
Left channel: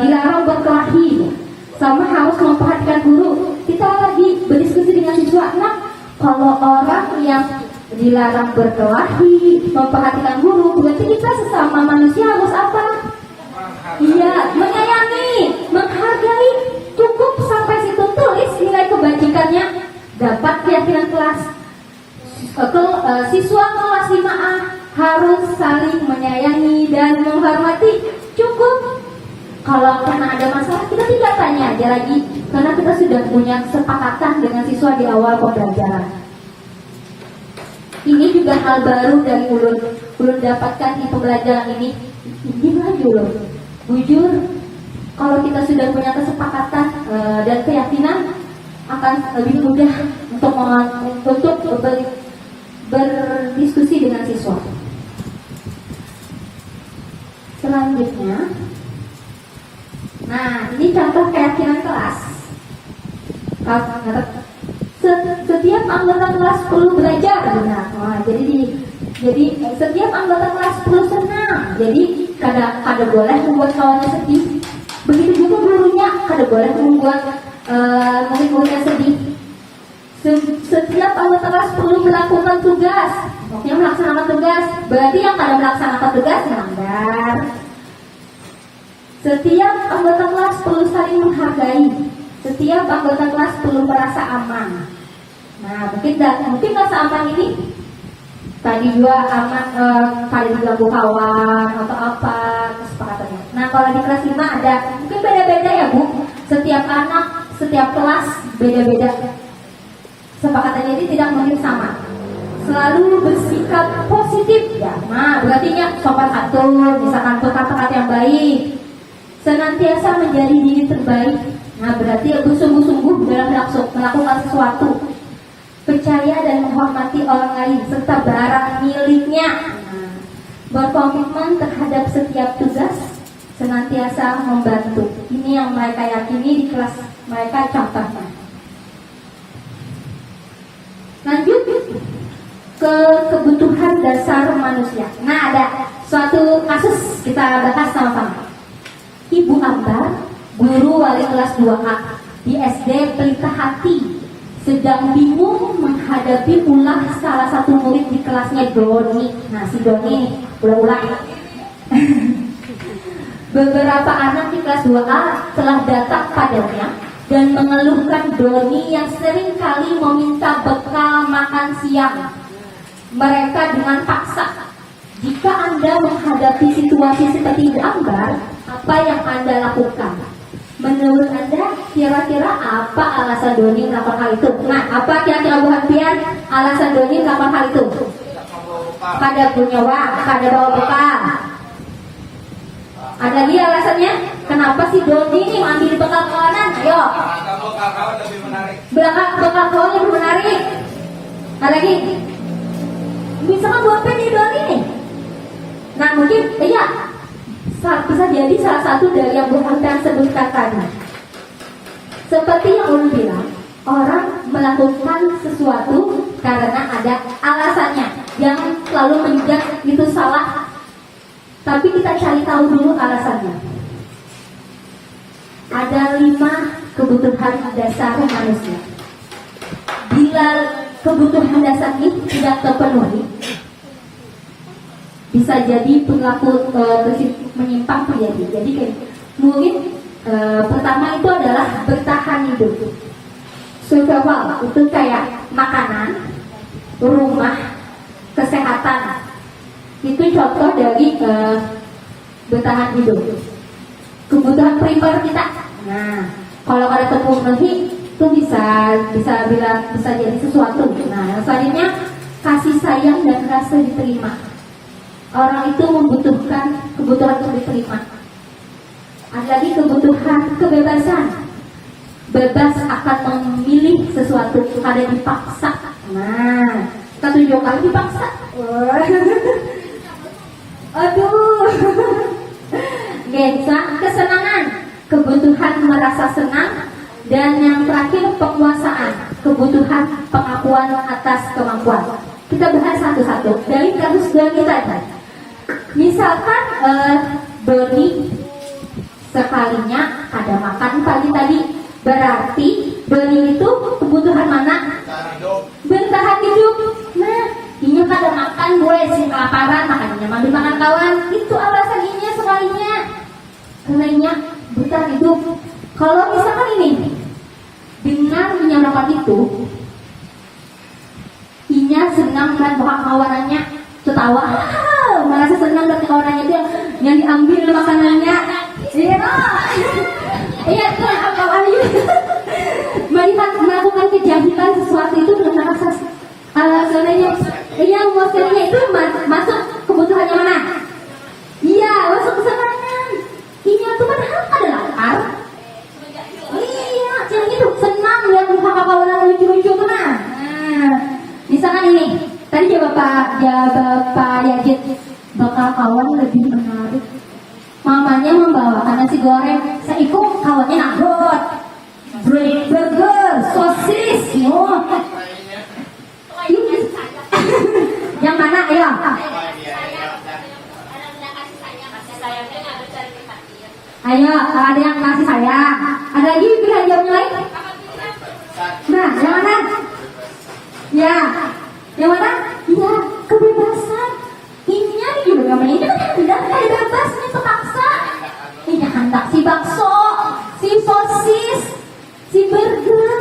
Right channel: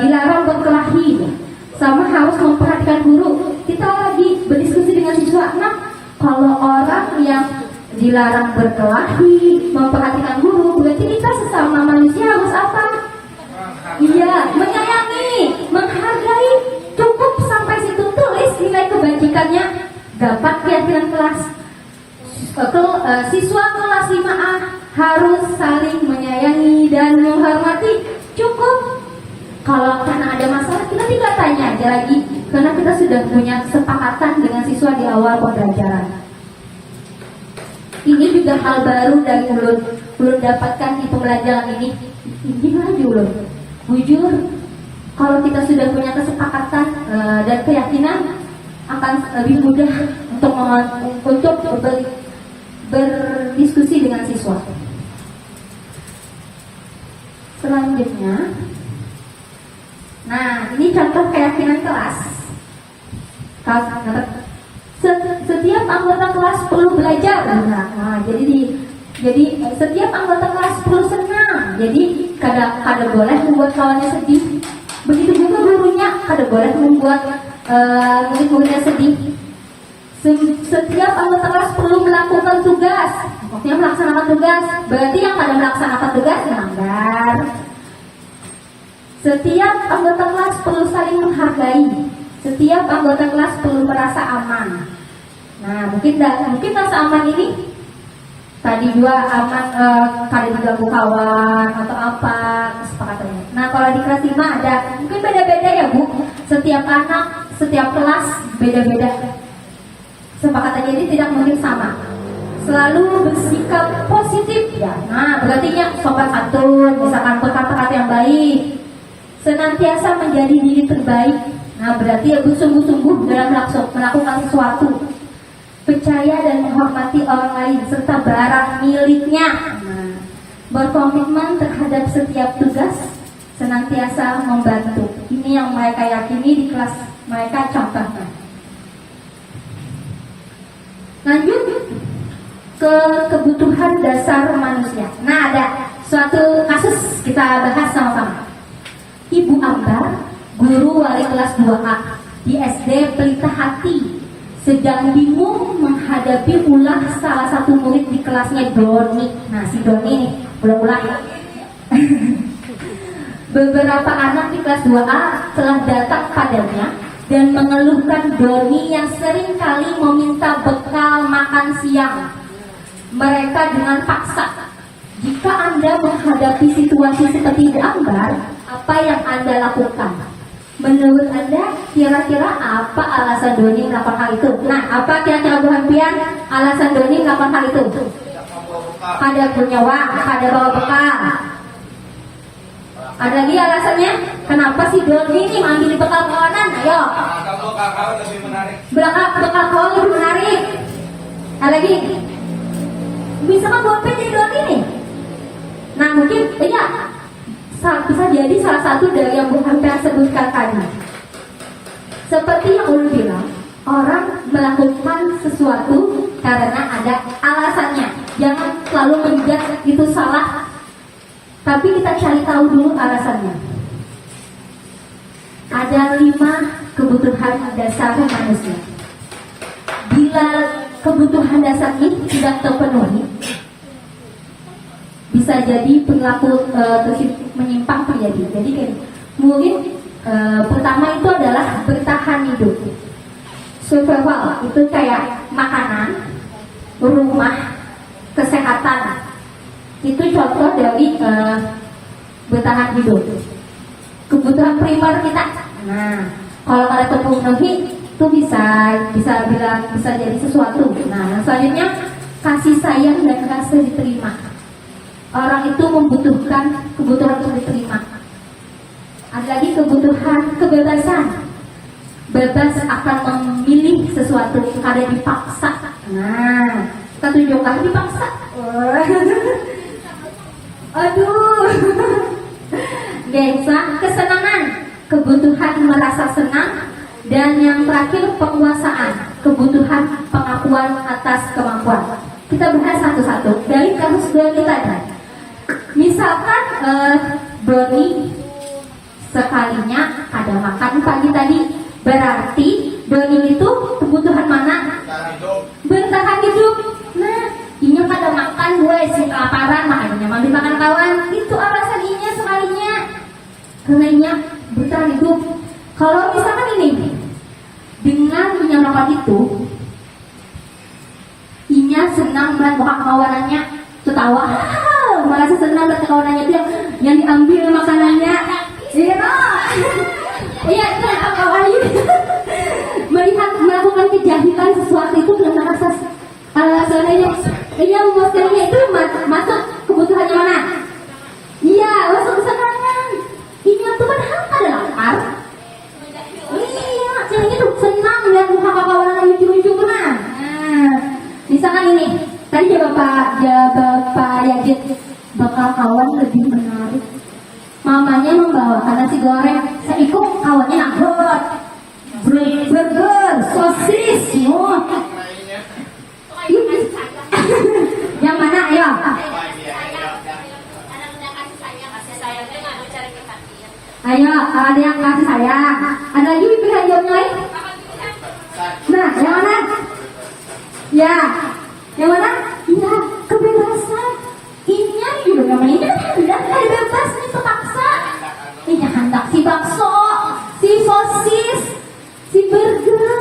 dilarang berkelahi, sama harus memperhatikan guru. Kita lagi berdiskusi dengan siswa. Nah, kalau orang yang dilarang berkelahi, memperhatikan guru, berarti kita sesama manusia harus apa? Iya, menyayangi, menghargai. Cukup sampai situ, tulis nilai kebajikannya, dapat keyakinan kelas. Siswa kelas 5A harus saling menyayangi dan menghormati. Cukup. Kalau karena ada masalah, kita tidak tanya aja lagi, karena kita sudah punya kesepakatan dengan siswa di awal pembelajaran. Ini juga hal baru dari ulun dapatkan di pembelajaran ini. Gimana ulun? Jujur, kalau kita sudah punya kesepakatan dan keyakinan, akan lebih mudah untuk berdiskusi dengan siswa. Selanjutnya, nah ini contoh keyakinan kelas. Setiap anggota kelas perlu belajar. Nah, jadi setiap anggota kelas perlu senang. Jadi kada boleh membuat kawannya sedih. Begitu juga gurunya kada boleh membuat murid-muridnya sedih. Setiap anggota kelas perlu melakukan tugas. Maksudnya melaksanakan tugas. Berarti yang kada melaksanakan tugas melanggar. Setiap anggota kelas perlu saling menghargai. Setiap anggota kelas perlu merasa aman. Nah, mungkin rasa aman ini tadi juga aman kali diganggu kawan atau apa kesepakatannya. Nah, kalau di kelas 5 ada mungkin beda-beda ya Bu. Setiap anak, setiap kelas beda-beda. Kesepakatannya ini tidak mungkin sama. Selalu bersikap positif ya. Nah, berarti sopan santun, misalkan kata-kata yang baik. Senantiasa menjadi diri terbaik. Nah, berarti bersungguh-sungguh dalam melakukan sesuatu. Percaya dan menghormati orang lain serta barang miliknya. Nah, berkomitmen terhadap setiap tugas, senantiasa membantu. Ini yang mereka yakini di kelas mereka contohnya. Lanjut ke kebutuhan dasar manusia. Nah, ada suatu kasus kita bahas sama-sama. Ibu Ambar, guru wali kelas 2A di SD Pelita Hati, sedang bingung menghadapi ulah salah satu murid di kelasnya Doni. Nah, si Doni ini ulah-ulah. Beberapa anak di kelas 2A telah datang padanya dan mengeluhkan Doni yang sering kali meminta bekal makan siang mereka dengan paksa. Jika Anda menghadapi situasi seperti Ibu Ambar, apa yang Anda lakukan? Menurut Anda, kira-kira apa alasan Doni melakukan hal itu? Nah, apa kira-kira Bu Hanpian alasan Doni melakukan hal itu? Pada punya uang, pada bawa bekal. Ada lagi alasannya? Kenapa si Doni ini ambil bekal kawanan? Ayo. Bekal kawan lebih menarik. Bekal kawan lebih menarik. Ada lagi? mungkin iya bisa jadi salah satu dari yang Bu Hamdan sebutkan tadi. Seperti yang Ulun bilang, orang melakukan sesuatu karena ada alasannya. Jangan selalu menjudge itu salah, tapi kita cari tahu dulu alasannya. Ada 5 kebutuhan dasar manusia. Bila kebutuhan dasar ini tidak terpenuhi, bisa jadi perilaku menyimpang terjadi. Jadi mungkin pertama itu adalah bertahan hidup. Survival itu kayak makanan, rumah, kesehatan. Itu contoh dari bertahan hidup. Kebutuhan primer kita. Nah, kalau ada terpenuhi itu bisa jadi sesuatu. Nah, selanjutnya kasih sayang dan rasa diterima. Orang itu membutuhkan kebutuhan untuk diterima. Ada lagi kebutuhan kebebasan. Bebas akan memilih sesuatu, kada dipaksa. Nah, kita tunjukkan dipaksa. Aduh. Kesenangan, kebutuhan merasa senang, dan yang terakhir penguasaan, kebutuhan pengakuan atas kemampuan. Kita bahas satu-satu dari kasus Doni tadi. Misalkan Doni sekalinya ada makan pagi tadi, berarti Doni itu kebutuhan mana? Bertahan hidup. Nah, ini pada makan gue si kelaparan, makanya nyaman dimakan kawan. Itu alasan inya sekalinya. Karena bertahan hidup. Kalau misalkan ini dengan menyamakan itu, inya senang dan bukan kawanannya ketawa, merasa senang dan kawanannya itu yang diambil makanannya. Iya, itu apa lagi? Melihat melakukan kejahatan sesuatu itu dengan asas alasannya, yang maksudnya itu masuk kebutuhannya mana? Iya, masuk kesenangan. Ini tuh kan ada lapar. Iya, jadi itu senang dan bukan kawanan lucu-lucu kan? Nah, misalkan ini, tadi Bapak Yajid bakal kawan lebih menarik. Mamanya membawakan nasi goreng, saya ikut kawannya nanggut, burger, sosis, yang mana ya? Ayo, ada yang kasih sayang. Ada lagi pilihan yang lain? Nah, yang mana? Ya, yang mana? Ya, kebebasan. Ini juga namanya itu kan ada bebas, ini terpaksa. Ini hendak si bakso, si sosis, si burger.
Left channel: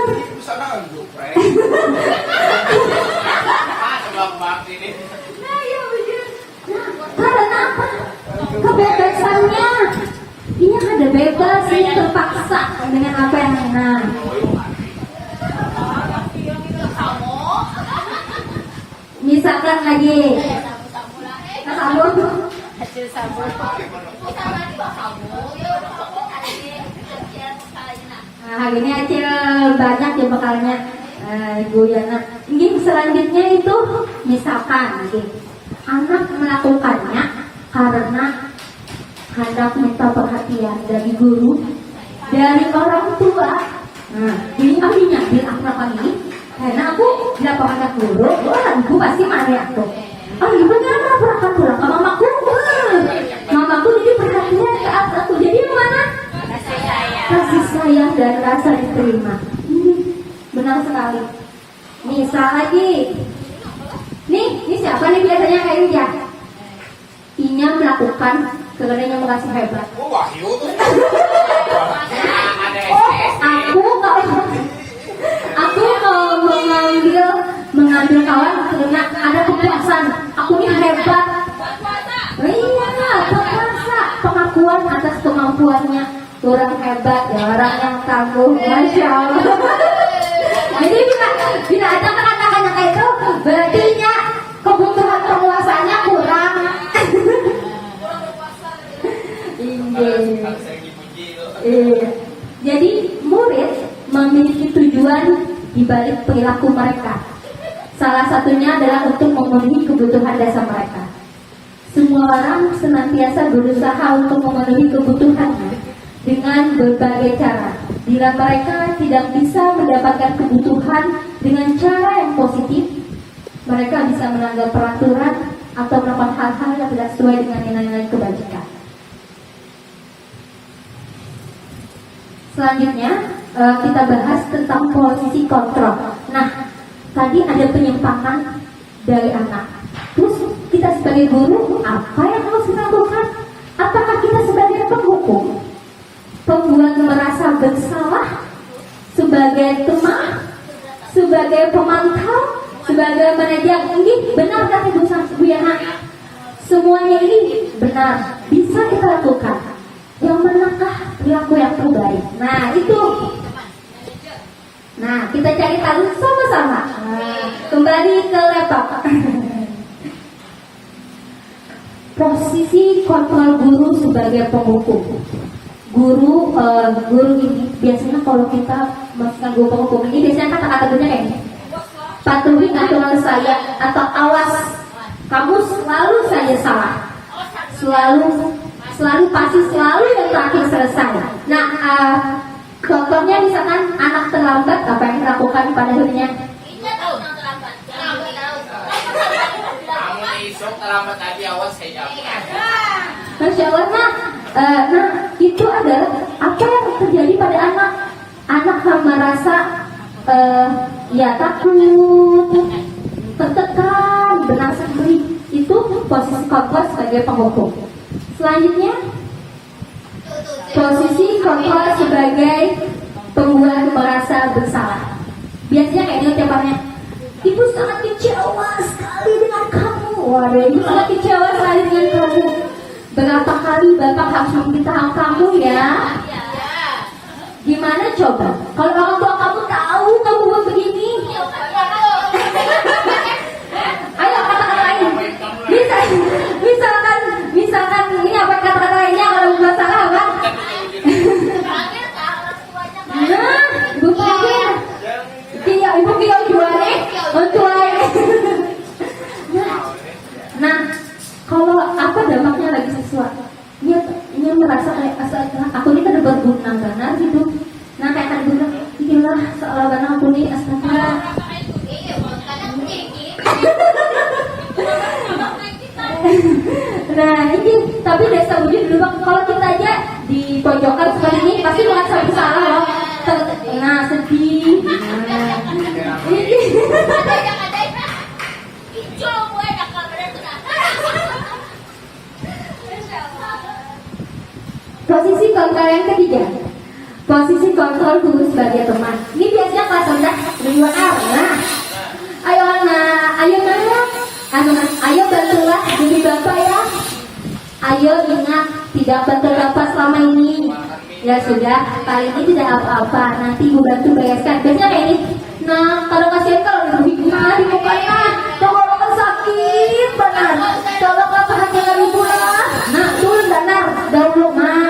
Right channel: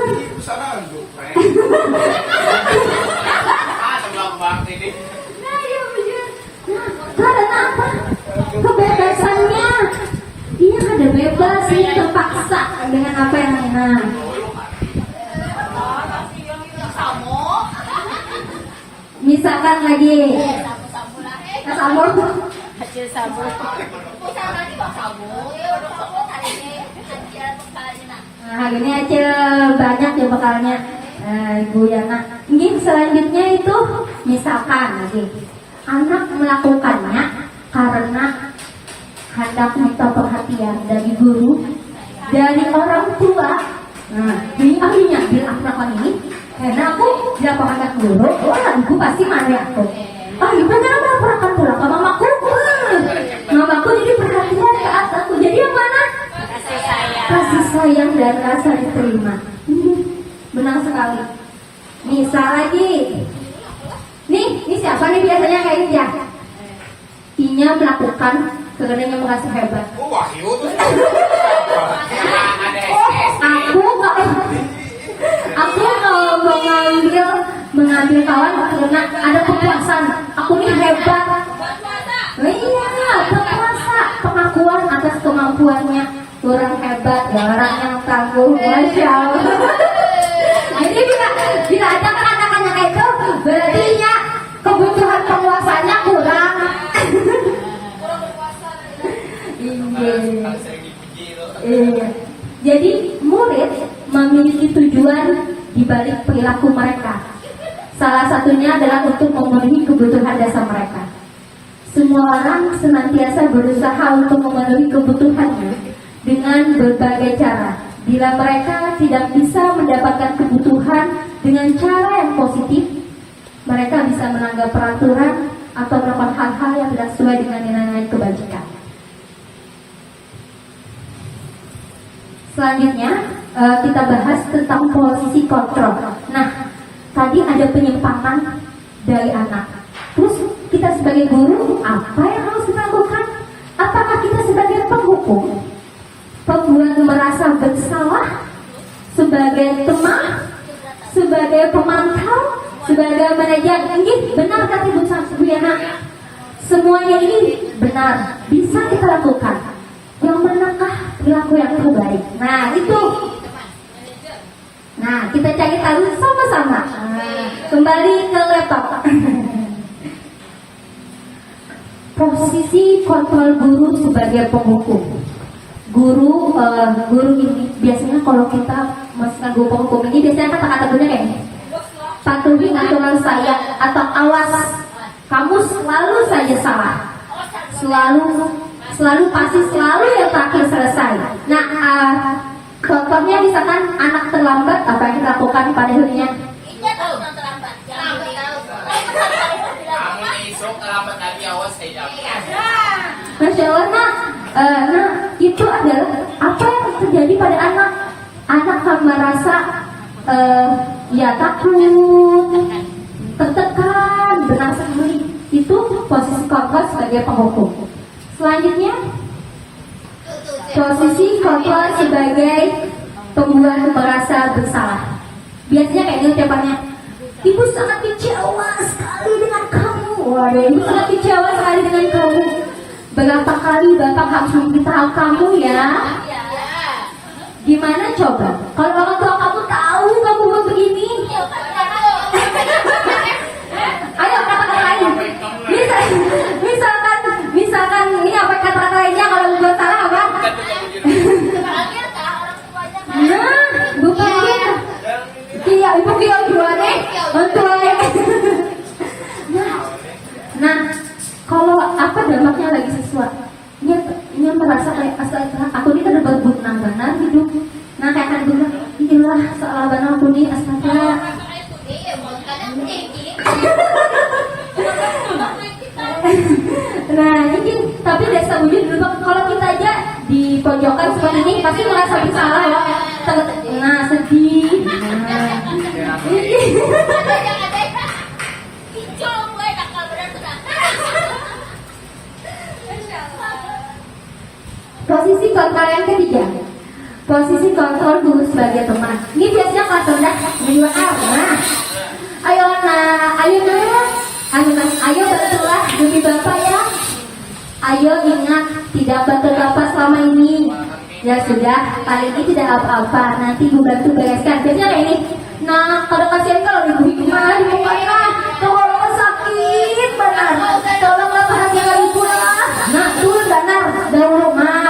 Nah, ya begitu. Karena apa? Kebebasannya. Ini ada bebas, ini terpaksa dengan apa yang enak. Misalkan lagi sabun. Nah, hari ini aja banyak ya bekalnya Ibu Yana. Ini selanjutnya itu misalkan lagi anak melakukannya karena hendak minta perhatian dari guru, dari orang tua. Nah, ini ahlinya bilang apa ini? Karena aku dilaporkan guru, ibu pasti marah aku. Oh, gimana melaporkan pulang ke mamaku? Mamaku jadi perhatian ke aku. Jadi yang mana? Kasih sayang dan rasa diterima. Benar sekali. Misal lagi, ini siapa nih biasanya kayak ini ya? Inya melakukan karena yang merasa hebat. Aku kalau mengambil kawan karena ada kepuasan. Aku nih hebat. Iya, berkuasa, pengakuan atas kemampuannya. Orang hebat, ya, orang yang tangguh, Masya Allah. Jadi bila ada kata-kata kayak itu, berarti kebutuhan penguasanya kurang. Iya. Jadi murid memiliki tujuan di balik perilaku mereka. Salah satunya adalah untuk memenuhi kebutuhan dasar mereka. Semua orang senantiasa berusaha untuk memenuhi kebutuhannya dengan berbagai cara. Bila mereka tidak bisa mendapatkan kebutuhan dengan cara yang positif, mereka bisa melanggar peraturan atau melakukan hal-hal yang tidak sesuai dengan nilai-nilai kebajikan. Selanjutnya, kita bahas tentang posisi kontrol. Nah, tadi ada penyimpangan dari anak. Terus kita sebagai guru, apa yang harus kita lakukan? Apakah kita sebagai penghukum, pembuat merasa bersalah, sebagai teman, sebagai pemantau, sebagai manajer? Ini benar kata Bu Yana. Semuanya ini benar, bisa kita lakukan. Yang manakah perilaku yang terbaik? Nah, itu. Nah, kita cari tahu sama-sama. Kembali ke laptop. Posisi kontrol guru sebagai penghukum. Guru ini biasanya kalau kita masukkan guru penghukum ini biasanya kata-kata benar ya. Patuhi aturan saya atau awas, kamu selalu saja salah. Selalu pasti selalu yang terakhir selesai. Nah, contohnya misalkan anak terlambat, apa yang dilakukan pada dirinya? Tidak tahu yang terlambat. Kamu isok terlambat lagi awas saya dapat. Masya Allah, nah itu adalah apa yang terjadi pada anak. Anak akan merasa ya takut, tertekan, benar sendiri. Itu posisi kontrol sebagai penghukum. Selanjutnya, posisi kontrol sebagai pembuat merasa bersalah. Biasanya kayak gitu ucapannya, ibu sangat kecewa sekali dengan kamu. Waduh, ibu sangat kecewa sekali dengan kamu. Berapa kali bapak harus memberitahu kamu ya? Gimana coba? Kalau orang tua kamu tahu kamu mau begini, ayo kata-kata lain. Misalkan ini apa kata-kata lainnya kalau buat salah apa? Nah, bukan tidak ibu kita jualnya mentuai. Nah, kalau apa dampaknya lagi siswa? Ini merasa kayak asal aku ini kan berguna benar gitu. Nah, kayak akan bilang, inilah seolah benar aku ini astagfirullah. Nah, ini tapi desa wujud dulu kalau kita aja di pojokan seperti ini pasti merasa bersalah loh. Nah, sedih. Posisi kontrol yang ketiga, posisi kontrol guru sebagai teman. Ini biasanya kelas rendah di luar. Nah, ayo bantulah Bibi Bapak ya. Ayo ingat tidak bantu Bapak selama ini. Ya sudah, kali ini tidak apa-apa. Nanti ibu bantu bereskan. Biasanya kayak ini. Nah, kalau kasihan kalau ibu gimana di mukanya? Kalau sakit benar. Kalau pada tinggal ibu lah. Nah, turun benar. Dulu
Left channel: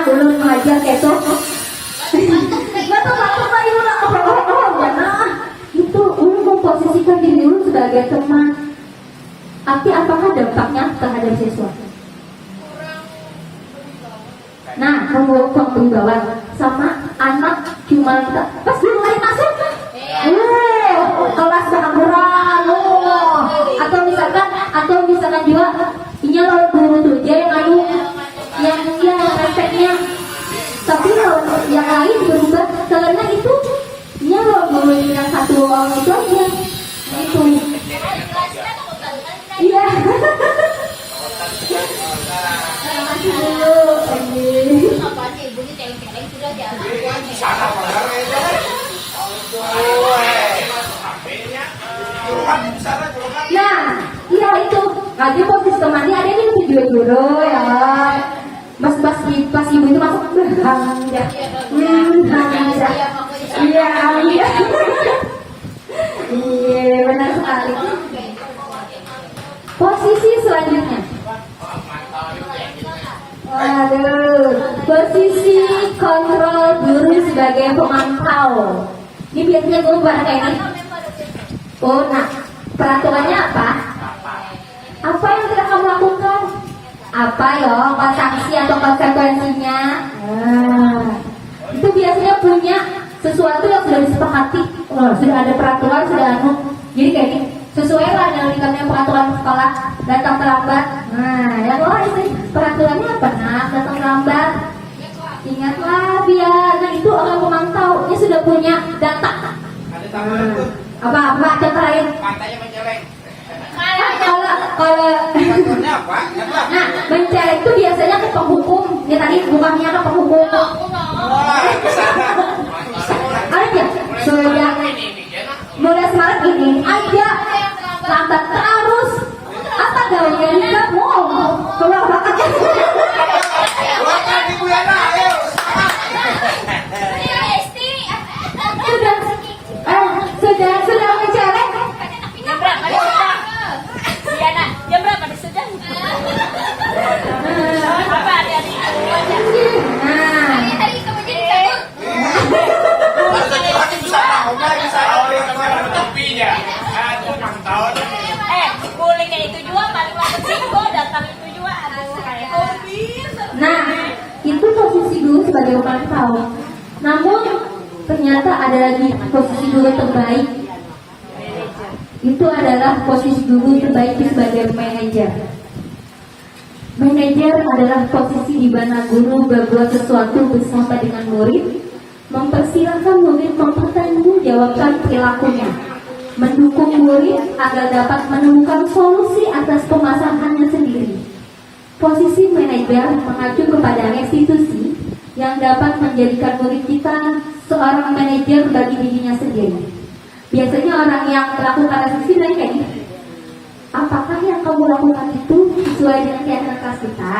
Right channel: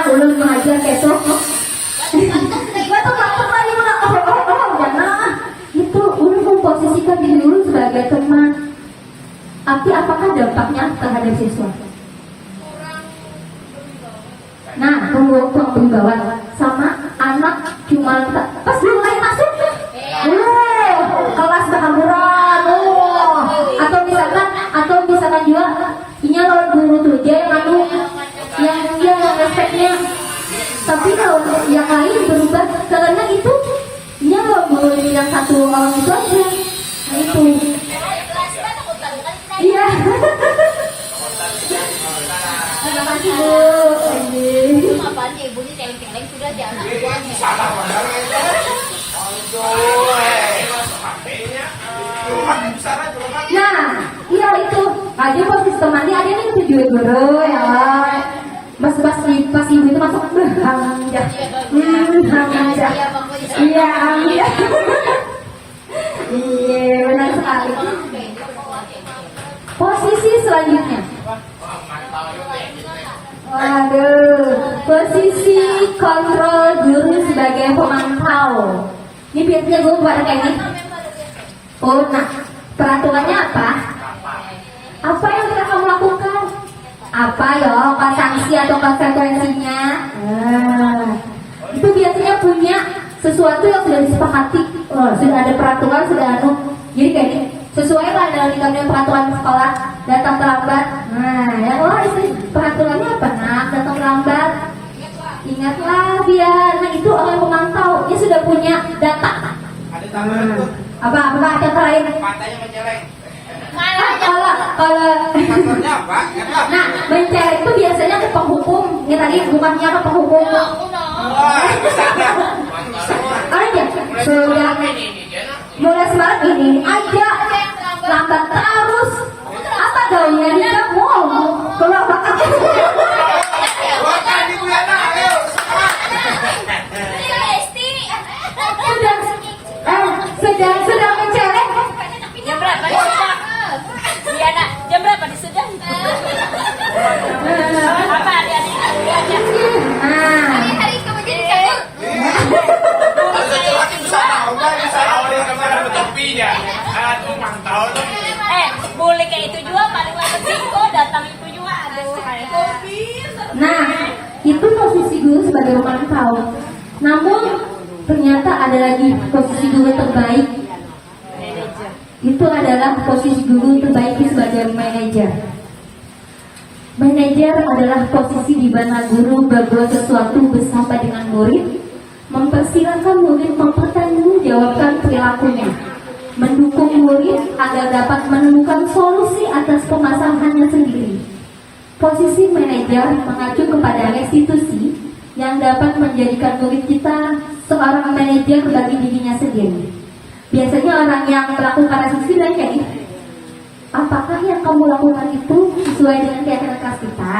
belum ngajar besok. Gak tahu apa ibu nak jangan. Itu untuk posisikan diri dulu sebagai teman. Tapi apakah dampaknya terhadap siswa? Nah, kurang berwibawa sama anak cuma pas mulai masuk, kelas berhamburan, atau misalkan juga ini lawan guru tuh dia yang efeknya, tapi kalau yang lain berubah karena itu dia lawan guru yang satu orang itu aja, itu. Iya. Terima kasih Bu. Ibu ini celeng-celeng sudah jalan. Nah, iya itu. Ada posisi temannya ada yang tujuh guru ya. Pas ibu itu masuk hamida. Hamida. Iya, hamida. Iya, benar sekali. Posisi selanjutnya. Waduh, posisi kontrol guru sebagai pemantau. Ini biasanya guru pada kayak ini. Oh, nah, peraturannya apa? Apa yang telah kamu lakukan? apa ya sanksi atau konsekuensinya. Itu biasanya punya sesuatu yang sudah disepakati, sudah ada peraturan, sudah jadi kayak gini, sesuai lah dengan peraturan sekolah, datang terlambat. Nah, ya itu peraturannya apa? Nah, datang terlambat. Ingatlah biar itu orang pemantau, dia sudah punya data. Ada tambahan tuh. Apa ada lain? Matanya menceleng. Kalau Faktornya apa? nah menceleng itu biasanya ke penghukum, ya tadi bukannya ke penghukum. Oh, misalnya. Aja, sudah mulai Maret ini aja lambat terus. Apa daunnya tidak mau keluar bakal. Wakan Ibu Yana, ayo. Sudah menceleng. Jam berapa disedang? Diana, jam berapa disedang? Nah, Hari kamu jadi cabut. Boleh kayak itu juga paling lambat minggu datang itu juga aduh kayak nah itu posisi guru sebagai pemantau. Namun ternyata ada lagi posisi guru terbaik. Itu adalah posisi guru terbaik sebagai manajer. Manajer adalah posisi di mana guru berbuat sesuatu bersama dengan murid, mempersilahkan murid mempertanggungjawabkan perilakunya, mendukung murid agar dapat menemukan solusi atas permasalahannya sendiri. Posisi manajer mengacu kepada restitusi yang dapat menjadikan murid kita seorang manajer bagi dirinya sendiri. Biasanya orang yang melakukan restitusi dan kayak gitu. Apakah yang kamu lakukan itu sesuai dengan keyakinan kelas kita?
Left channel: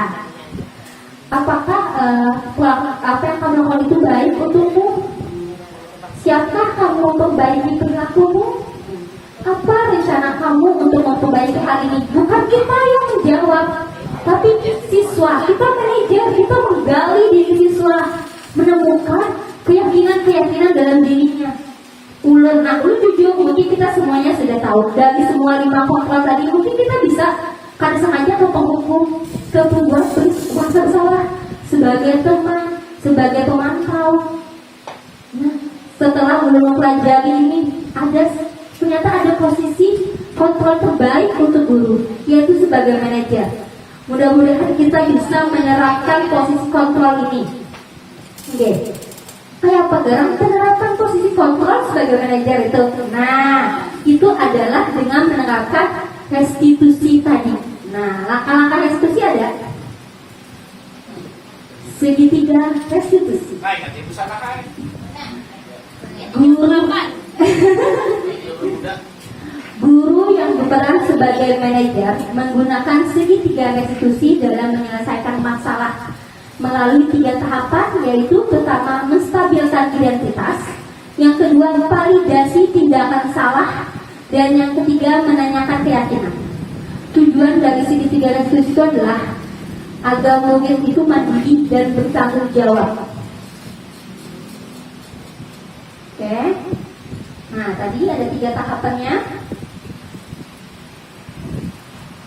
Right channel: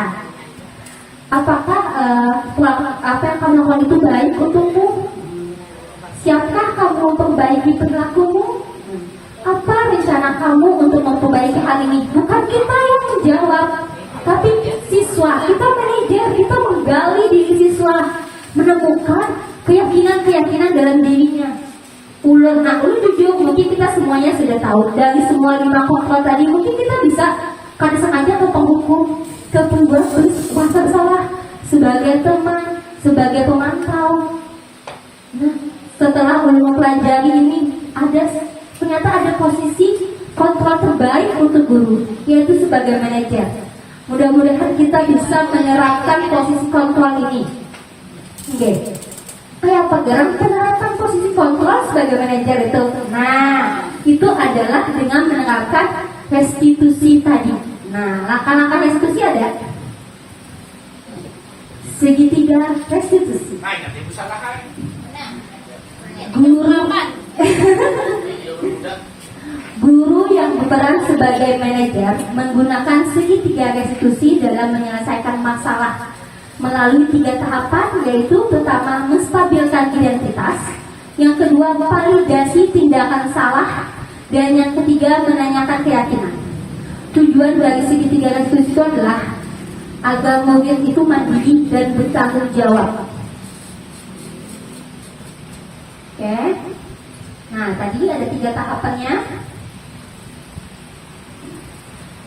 Apakah apa yang kamu lakukan itu baik untukmu? Siapkah kamu memperbaiki perilakumu? Apa rencana kamu untuk memperbaiki hal ini? Bukan kita yang menjawab, tapi siswa. Kita manajer, kita menggali diri siswa, menemukan keyakinan-keyakinan dalam dirinya. Ulun jujur, mungkin kita semuanya sudah tahu dari semua 5 kontrol tadi, mungkin kita bisa karena sengaja ke penghukum, ke pembuat merasa bersalah, sebagai teman, sebagai pemantau. Nah, setelah mempelajari ini, ternyata ada posisi kontrol terbaik untuk guru, yaitu sebagai manajer. Mudah-mudahan kita bisa menerapkan posisi kontrol ini. Oke. Kayak pegang penerapan posisi kontrol sebagai manajer itu. Nah, itu adalah dengan menerapkan restitusi tadi. Nah, langkah-langkah restitusi ada. Segitiga restitusi. Guru yang berperan sebagai manajer menggunakan segitiga restitusi dalam menyelesaikan masalah melalui 3 tahapan, yaitu pertama menstabilkan identitas, yang kedua validasi tindakan salah, dan yang ketiga menanyakan keyakinan. Tujuan dari segitiga restitusi itu adalah agar murid itu mandiri dan bertanggung jawab. Oke. Nah, tadi ada 3 tahapannya.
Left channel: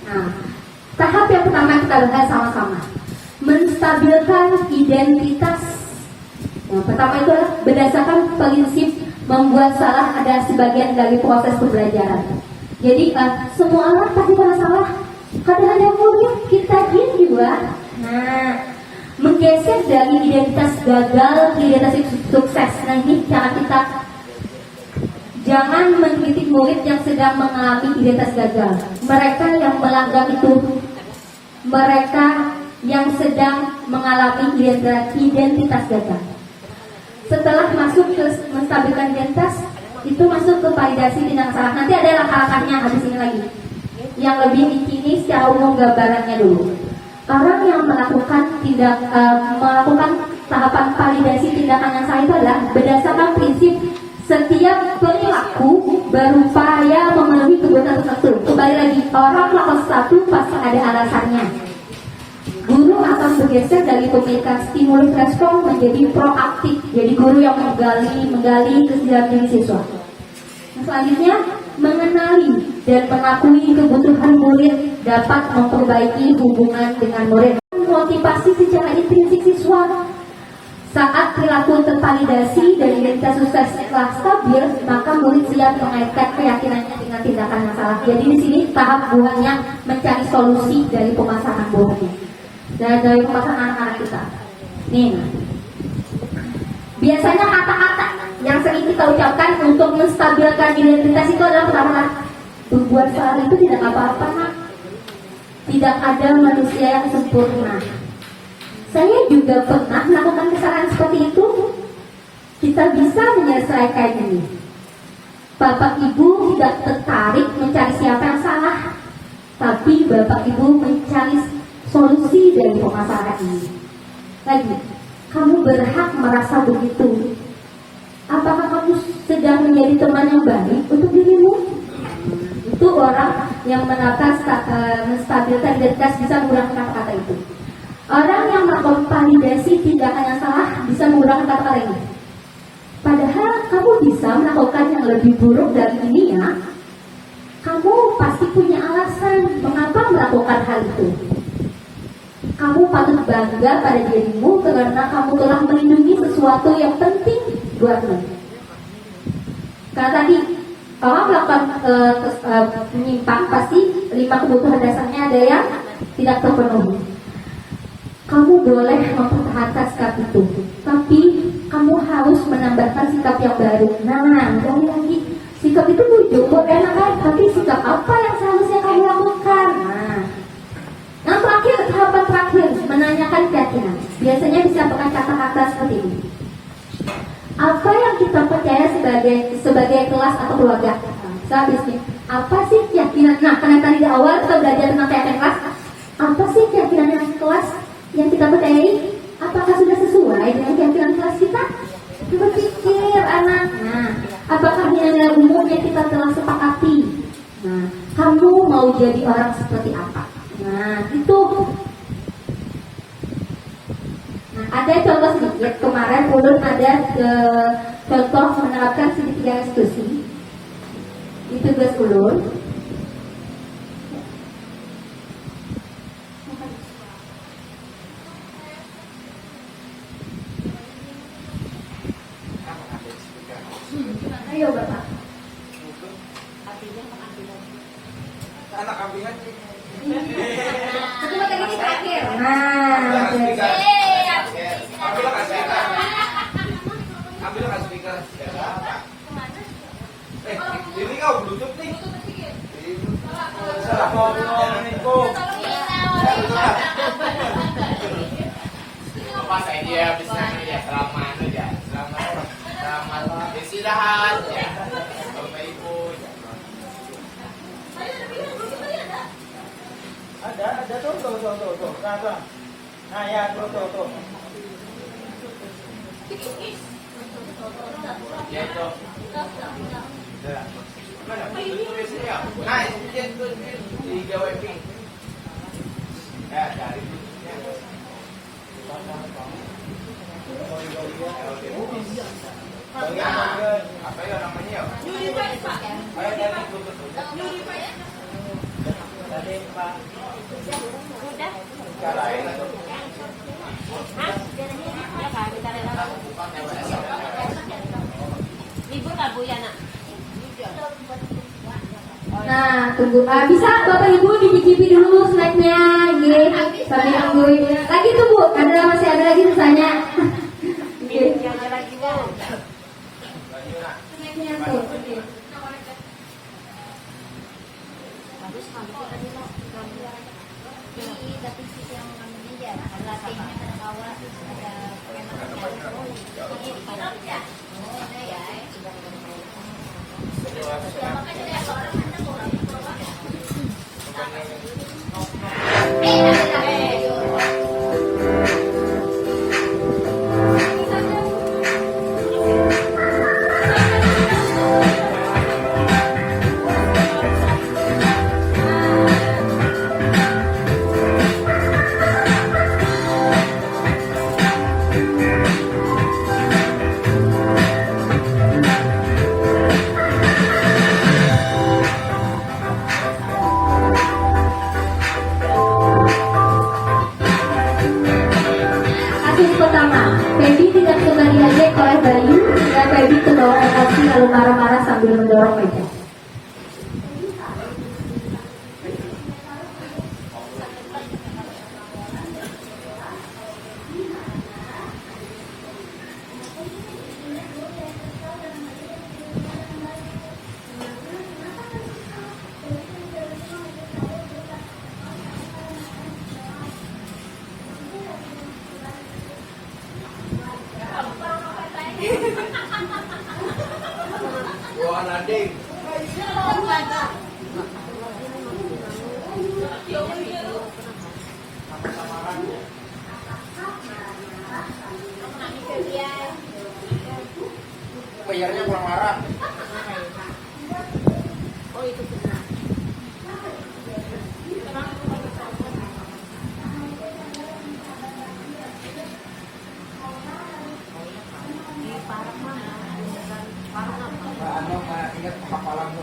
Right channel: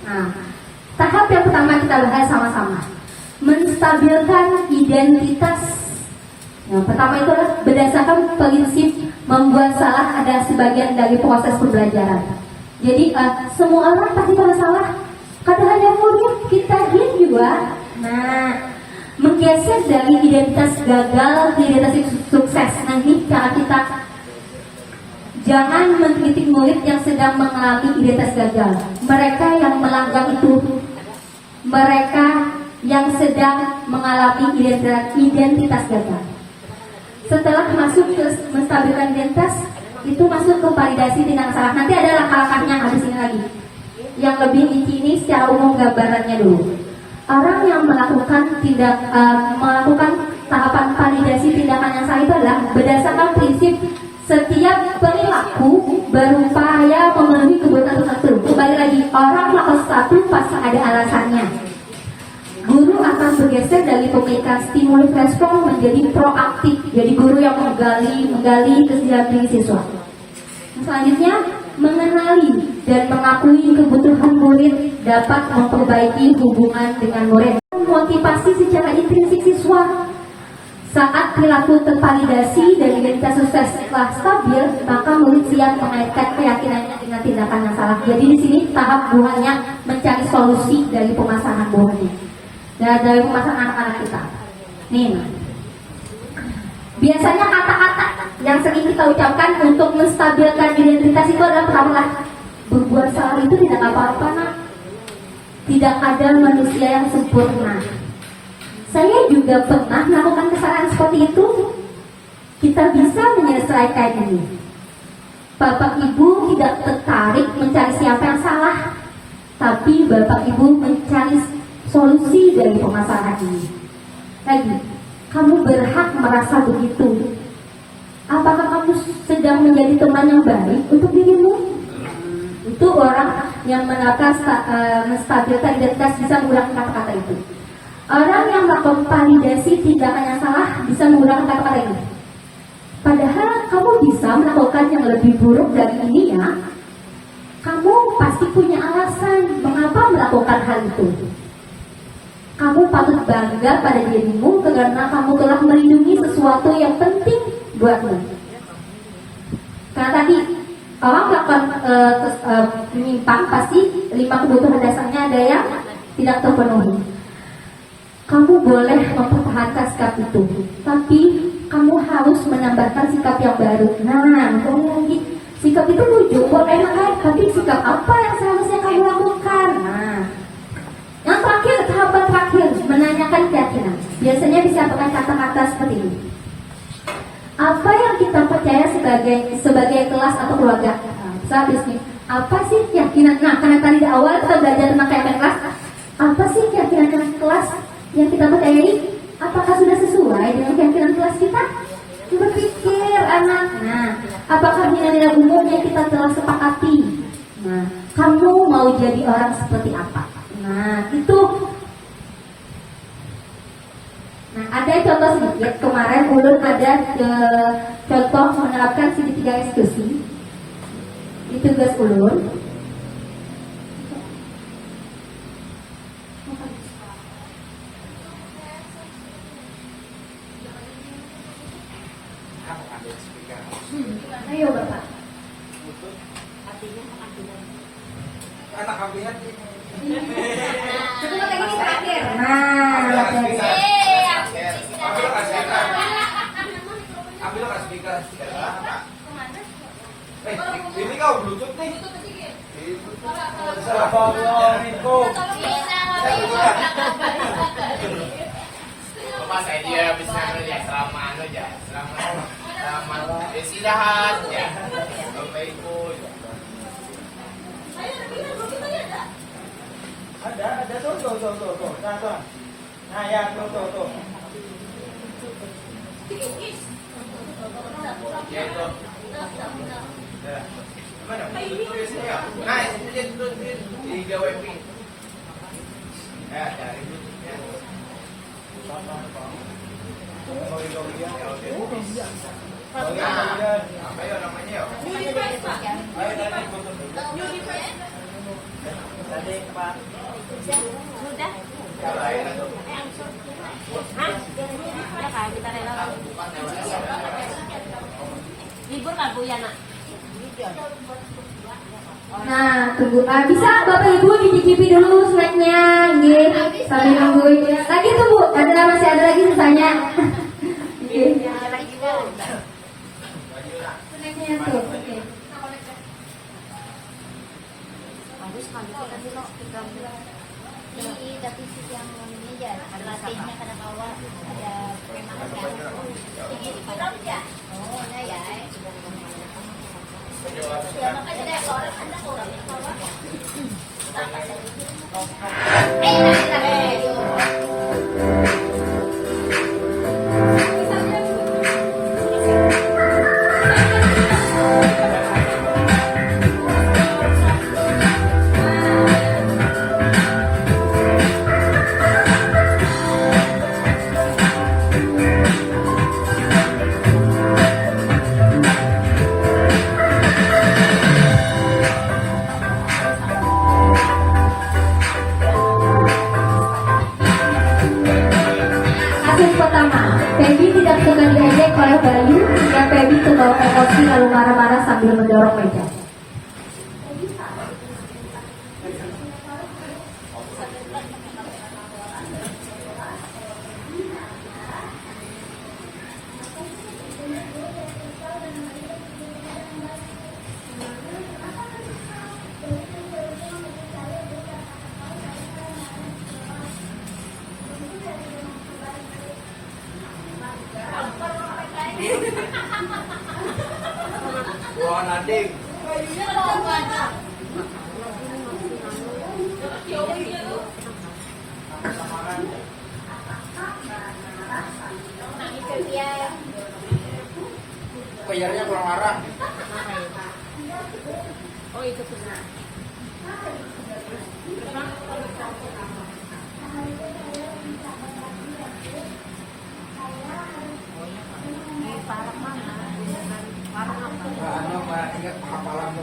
Nah, tahap yang pertama kita lihat sama-sama. Menstabilkan identitas. Nah, pertama itu adalah berdasarkan prinsip membuat salah ada sebagian dari proses pembelajaran. Jadi semua orang pasti pernah salah. Kadang ada murid kita juga. Nah, menggeser dari identitas gagal ke identitas sukses. Nah, ini cara kita. Jangan mengkritik murid yang sedang mengalami identitas gagal. Mereka yang melanggar itu, mereka yang sedang mengalami identitas gagal. Setelah masuk ke menstabilkan identitas, itu masuk ke validasi tindakan salah. Nanti ada langkah-langkahnya habis ini lagi. Yang lebih inti ini secara umum gambarannya dulu. Orang yang melakukan tahapan validasi tindakan yang salah itu adalah berdasarkan prinsip setiap perilaku berupaya memenuhi kebutuhan tertentu. Kembali lagi, orang melakukan sesuatu pasti ada alasannya. Guru akan bergeser dari pemberitaan stimulus respon menjadi proaktif. Jadi guru yang menggali ke dalam diri siswa. Nah, selanjutnya mengenali dan mengakui kebutuhan murid dapat memperbaiki hubungan dengan murid. Motivasi secara intrinsik siswa. Saat perilaku tervalidasi dan identitas sukses telah stabil, maka murid siap mengaitkan keyakinannya dengan tindakan yang salah. Jadi di sini tahap buahnya mencari solusi dari pemasangan bohong dan dari pemasangan anak-anak kita. Nih, biasanya kata-kata yang sering kita ucapkan untuk menstabilkan identitas itu adalah pertama, berbuat salah itu tidak apa-apa, nak. Tidak ada manusia yang sempurna. Saya juga pernah melakukan kesalahan seperti itu. Kita bisa menyelesaikan ini. Bapak Ibu tidak tertarik mencari siapa yang salah, tapi Bapak Ibu mencari solusi dari permasalahan ini. Lagi, kamu berhak merasa begitu. Apakah kamu sedang menjadi teman yang baik untuk dirimu? Itu orang yang menstabilkan identitas bisa menggunakan kata-kata itu. Orang yang mengvalidasi tindakan yang salah bisa menggunakan kata-kata ini. Padahal kamu bisa melakukan yang lebih buruk dari ini ya. Kamu pasti punya alasan mengapa melakukan hal itu. Kamu patut bangga pada dirimu karena kamu telah melindungi sesuatu yang penting buatmu. Karena tadi orang melakukan menyimpang, pasti 5 kebutuhan dasarnya ada yang tidak terpenuhi. Kamu boleh mempertahankan sikap itu, tapi kamu harus menambahkan sikap yang baru. Nah, lagi sikap itu lucu, boleh enak, tapi sikap apa yang seharusnya kamu lakukan? Nah, yang terakhir, tahapan terakhir, menanyakan keyakinan. Biasanya disampaikan kata-kata seperti ini. Apa yang kita percaya sebagai kelas atau keluarga? Saat ini, apa sih keyakinan? Nah, karena tadi di awal kita belajar tentang keyakinan kelas. Apa sih keyakinan kelas yang kita percayai? Apakah sudah sesuai dengan keyakinan kelas kita? Coba pikir anak. Nah, apakah nilai-nilai umum yang kita telah sepakati? Nah, kamu mau jadi orang seperti apa? Nah, itu. Nah, ada contoh sedikit. Kemarin ulun ada contoh menerapkan segitiga institusi. Itu tugas ulun. Ayo Bapak. Anak ambilan. Coba lagi terakhir. Nah, Ambil kas speaker. Ini kau bluetooth nih. Masa dia bisa kerja selama aja, selama istirahat ya. Bapak Ibu. Ada tuh. Nah ya tuh. Ya itu. Mana? Tulisnya. Nah, itu di webing. Cari. Apa ya namanya ya? Tadi Pak. Libur nggak Bu ya nak? Nah, tunggu. Bisa Bapak Ibu dicicipi dulu snacknya, sambil nungguin. Lagi tunggu, masih ada lagi sisanya. Snacknya tuh. Oke. membawa emosi lalu marah-marah sambil mendorong meja. Ruangan ading. Bayarnya kurang marah. Oh itu benar. Ano, ingat hafalan mo.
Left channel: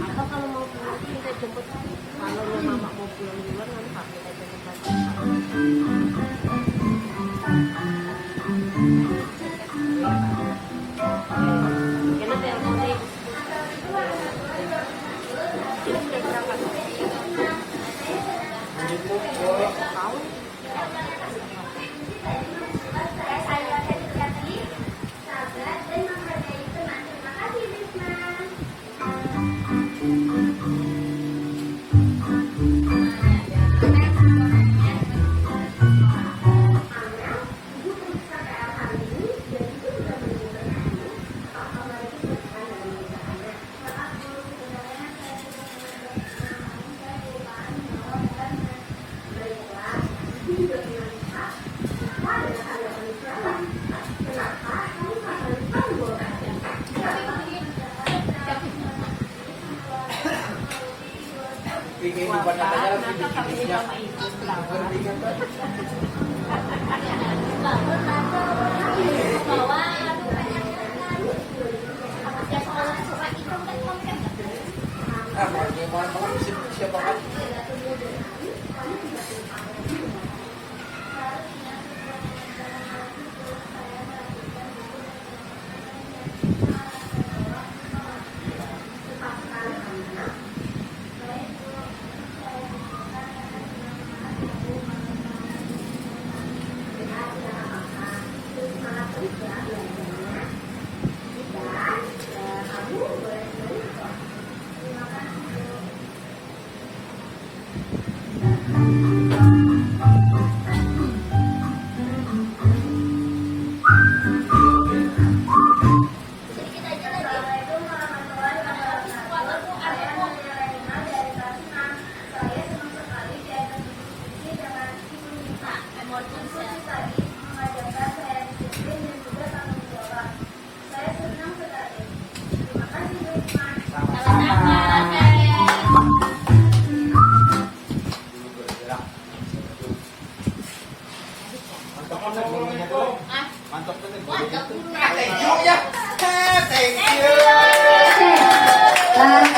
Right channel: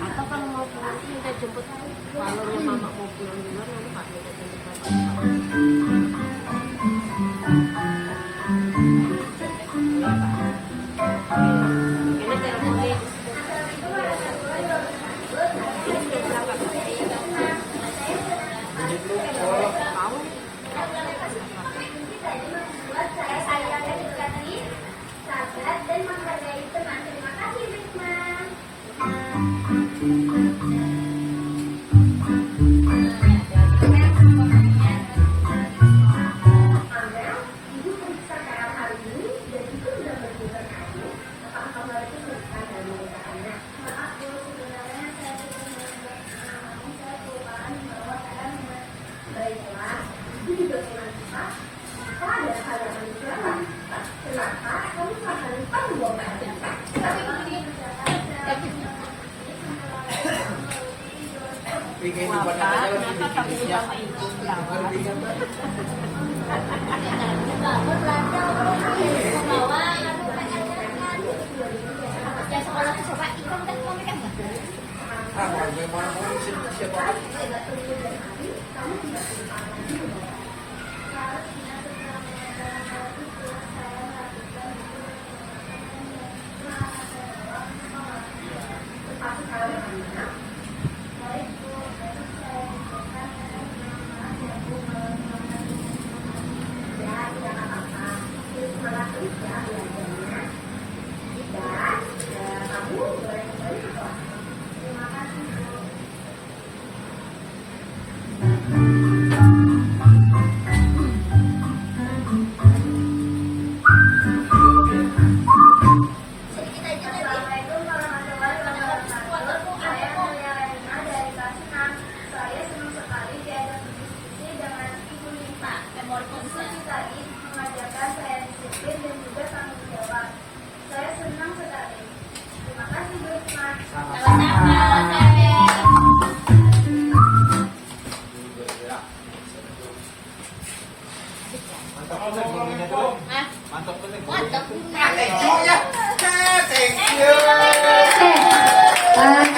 Ako kalau mau pulang kita jemput. Kalau memang mau pulang dulu nanti Pak kita jemput. Di kehidupan nyata aja harus dibikinnya. Ah, kalau dia mau siapa?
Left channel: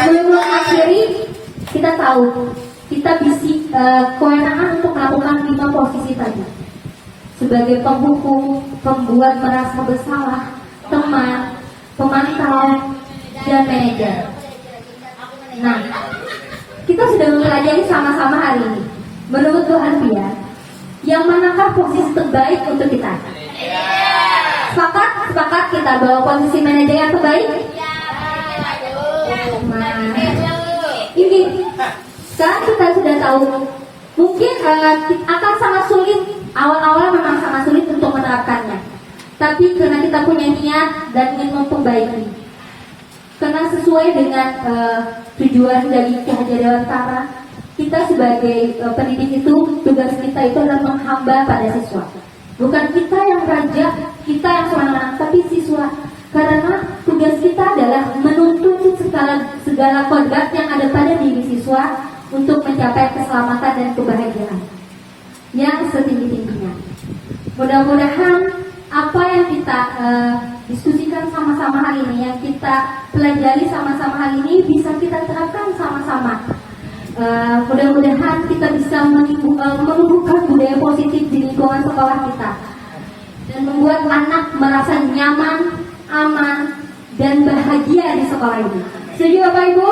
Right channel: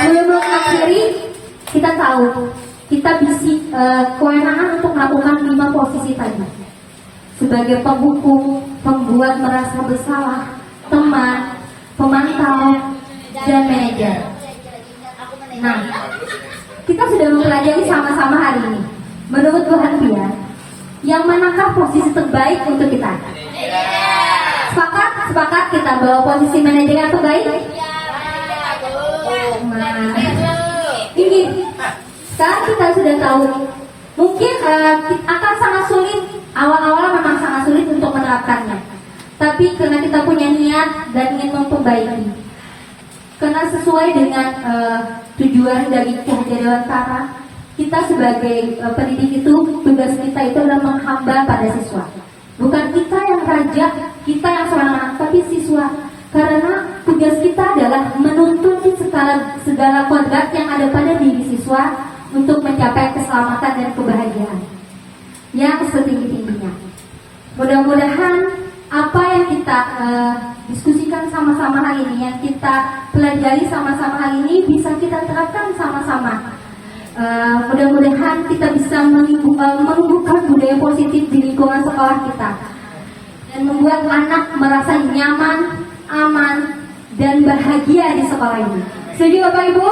Sebelum mengakhiri, kita tahu kita bisa kewenangan untuk melakukan 5 posisi tadi sebagai penghukum, pembuat merasa bersalah, teman, pemantau, dan manajer. Nah, kita sudah mempelajari sama-sama hari ini. Menurut Tuhan Pia, yang manakah posisi terbaik untuk kita? Sepakat kita bahwa posisi manajer yang terbaik? Ini sekarang kita sudah tahu mungkin akan sangat sulit, awal-awal memang sangat sulit untuk menerapkannya, tapi karena kita punya niat dan ingin memperbaiki, karena sesuai dengan tujuan dari Ki Hajar Dewantara, kita sebagai pendidik itu, tugas kita itu adalah menghamba pada siswa. Bukan kita yang raja, kita yang seorang-orang, tapi siswa. Karena tugas kita adalah menuntut segala kodrat yang ada pada diri siswa untuk mencapai keselamatan dan kebahagiaan yang setinggi-tingginya. Mudah-mudahan apa yang kita diskusikan sama-sama hari ini, yang kita pelajari sama-sama hari ini bisa kita terapkan sama-sama Mudah-mudahan kita bisa membuka budaya positif di lingkungan sekolah kita dan membuat anak merasa nyaman, aman, dan bahagia di sekolah ini. Setuju Bapak Ibu?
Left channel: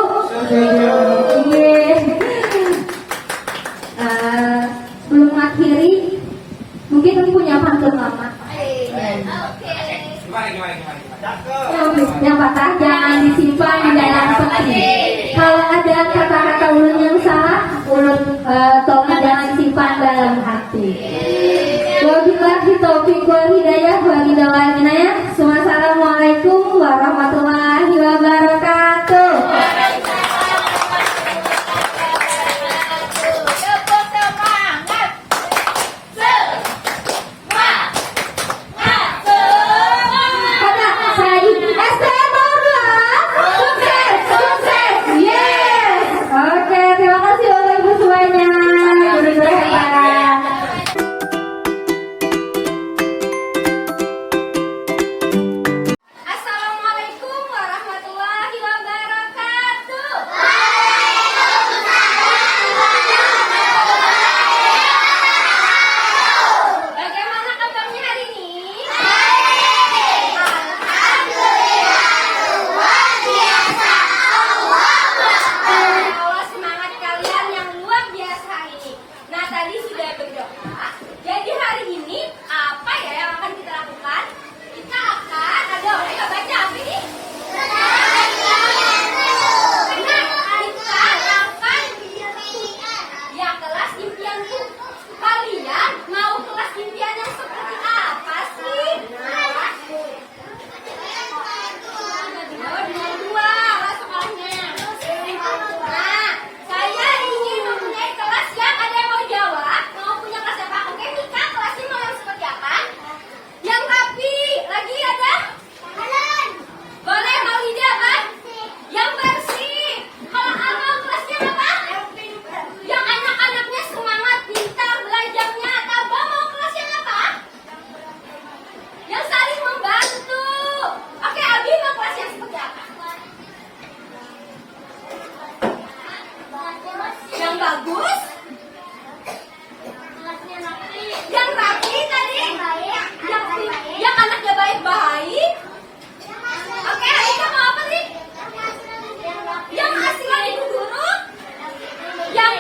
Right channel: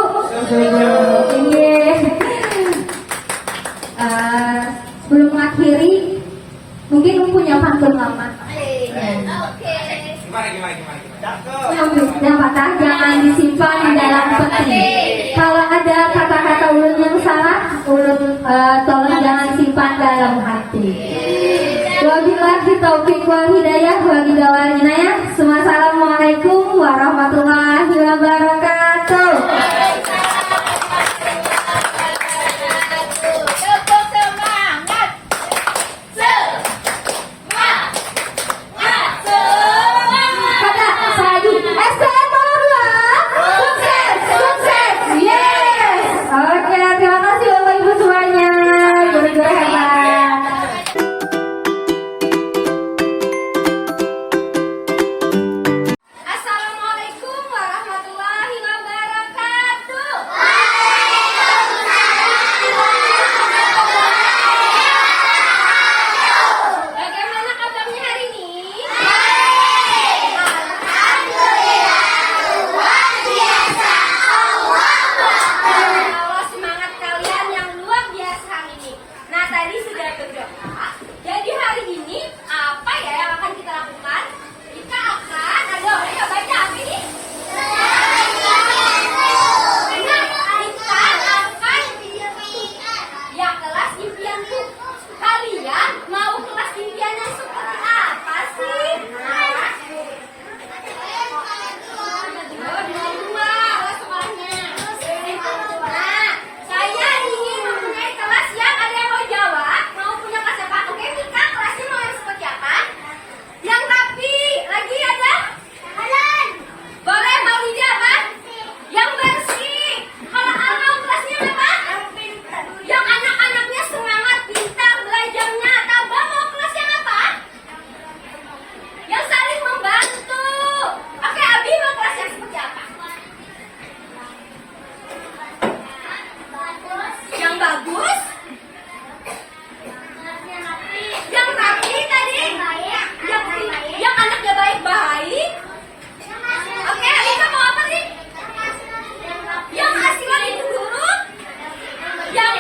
Iya. Sebelum mengakhiri, mungkin punya pantun lama. Yang patah jangan disimpan di dalam peti. Kalau ada kata-kata ulun yang salah, ulun tolong jangan simpan dalam hati. Wabillahi taufiq wal hidayah wa bidawal inayah. Wassalamualaikum warahmatullahi wabarakatuh. Pada Sayu SMA2 sukses, sukses, yes. Oke, terima kasih Bapak Ibu semuanya. Guru-guru hebat. Assalamualaikum warahmatullahi wabarakatuh. Bagaimana kabarnya hari ini? Allah semangat kalian yang luar biasa hari ini. Nah, tadi sudah berdoa. Jadi hari ini apa ya yang akan kita lakukan? Kita akan ada orang yang baca apa ini? Kita akan ya kelas impianku. Kalian mau kelas impian yang seperti apa sih? Dua sekolahnya. Nah, saya ingin mempunyai kelas yang ada yang mau jawab. Mau punya kelas apa? Oke, Mika, kelasnya mau yang seperti apa? Yang rapi. Lagi ada? Boleh, mau ide apa? Yang bersih. Kalau Amal kelasnya apa? Yang anak-anaknya semangat, pintar belajarnya. Tabah mau kelas yang apa? Yang saling membantu. Oke, Abi mau kelas yang seperti apa? Yang bagus? Yang rapi tadi? Yang anaknya baik-baik? Oke, Alika mau apa sih? Yang asli lagi guru? Yang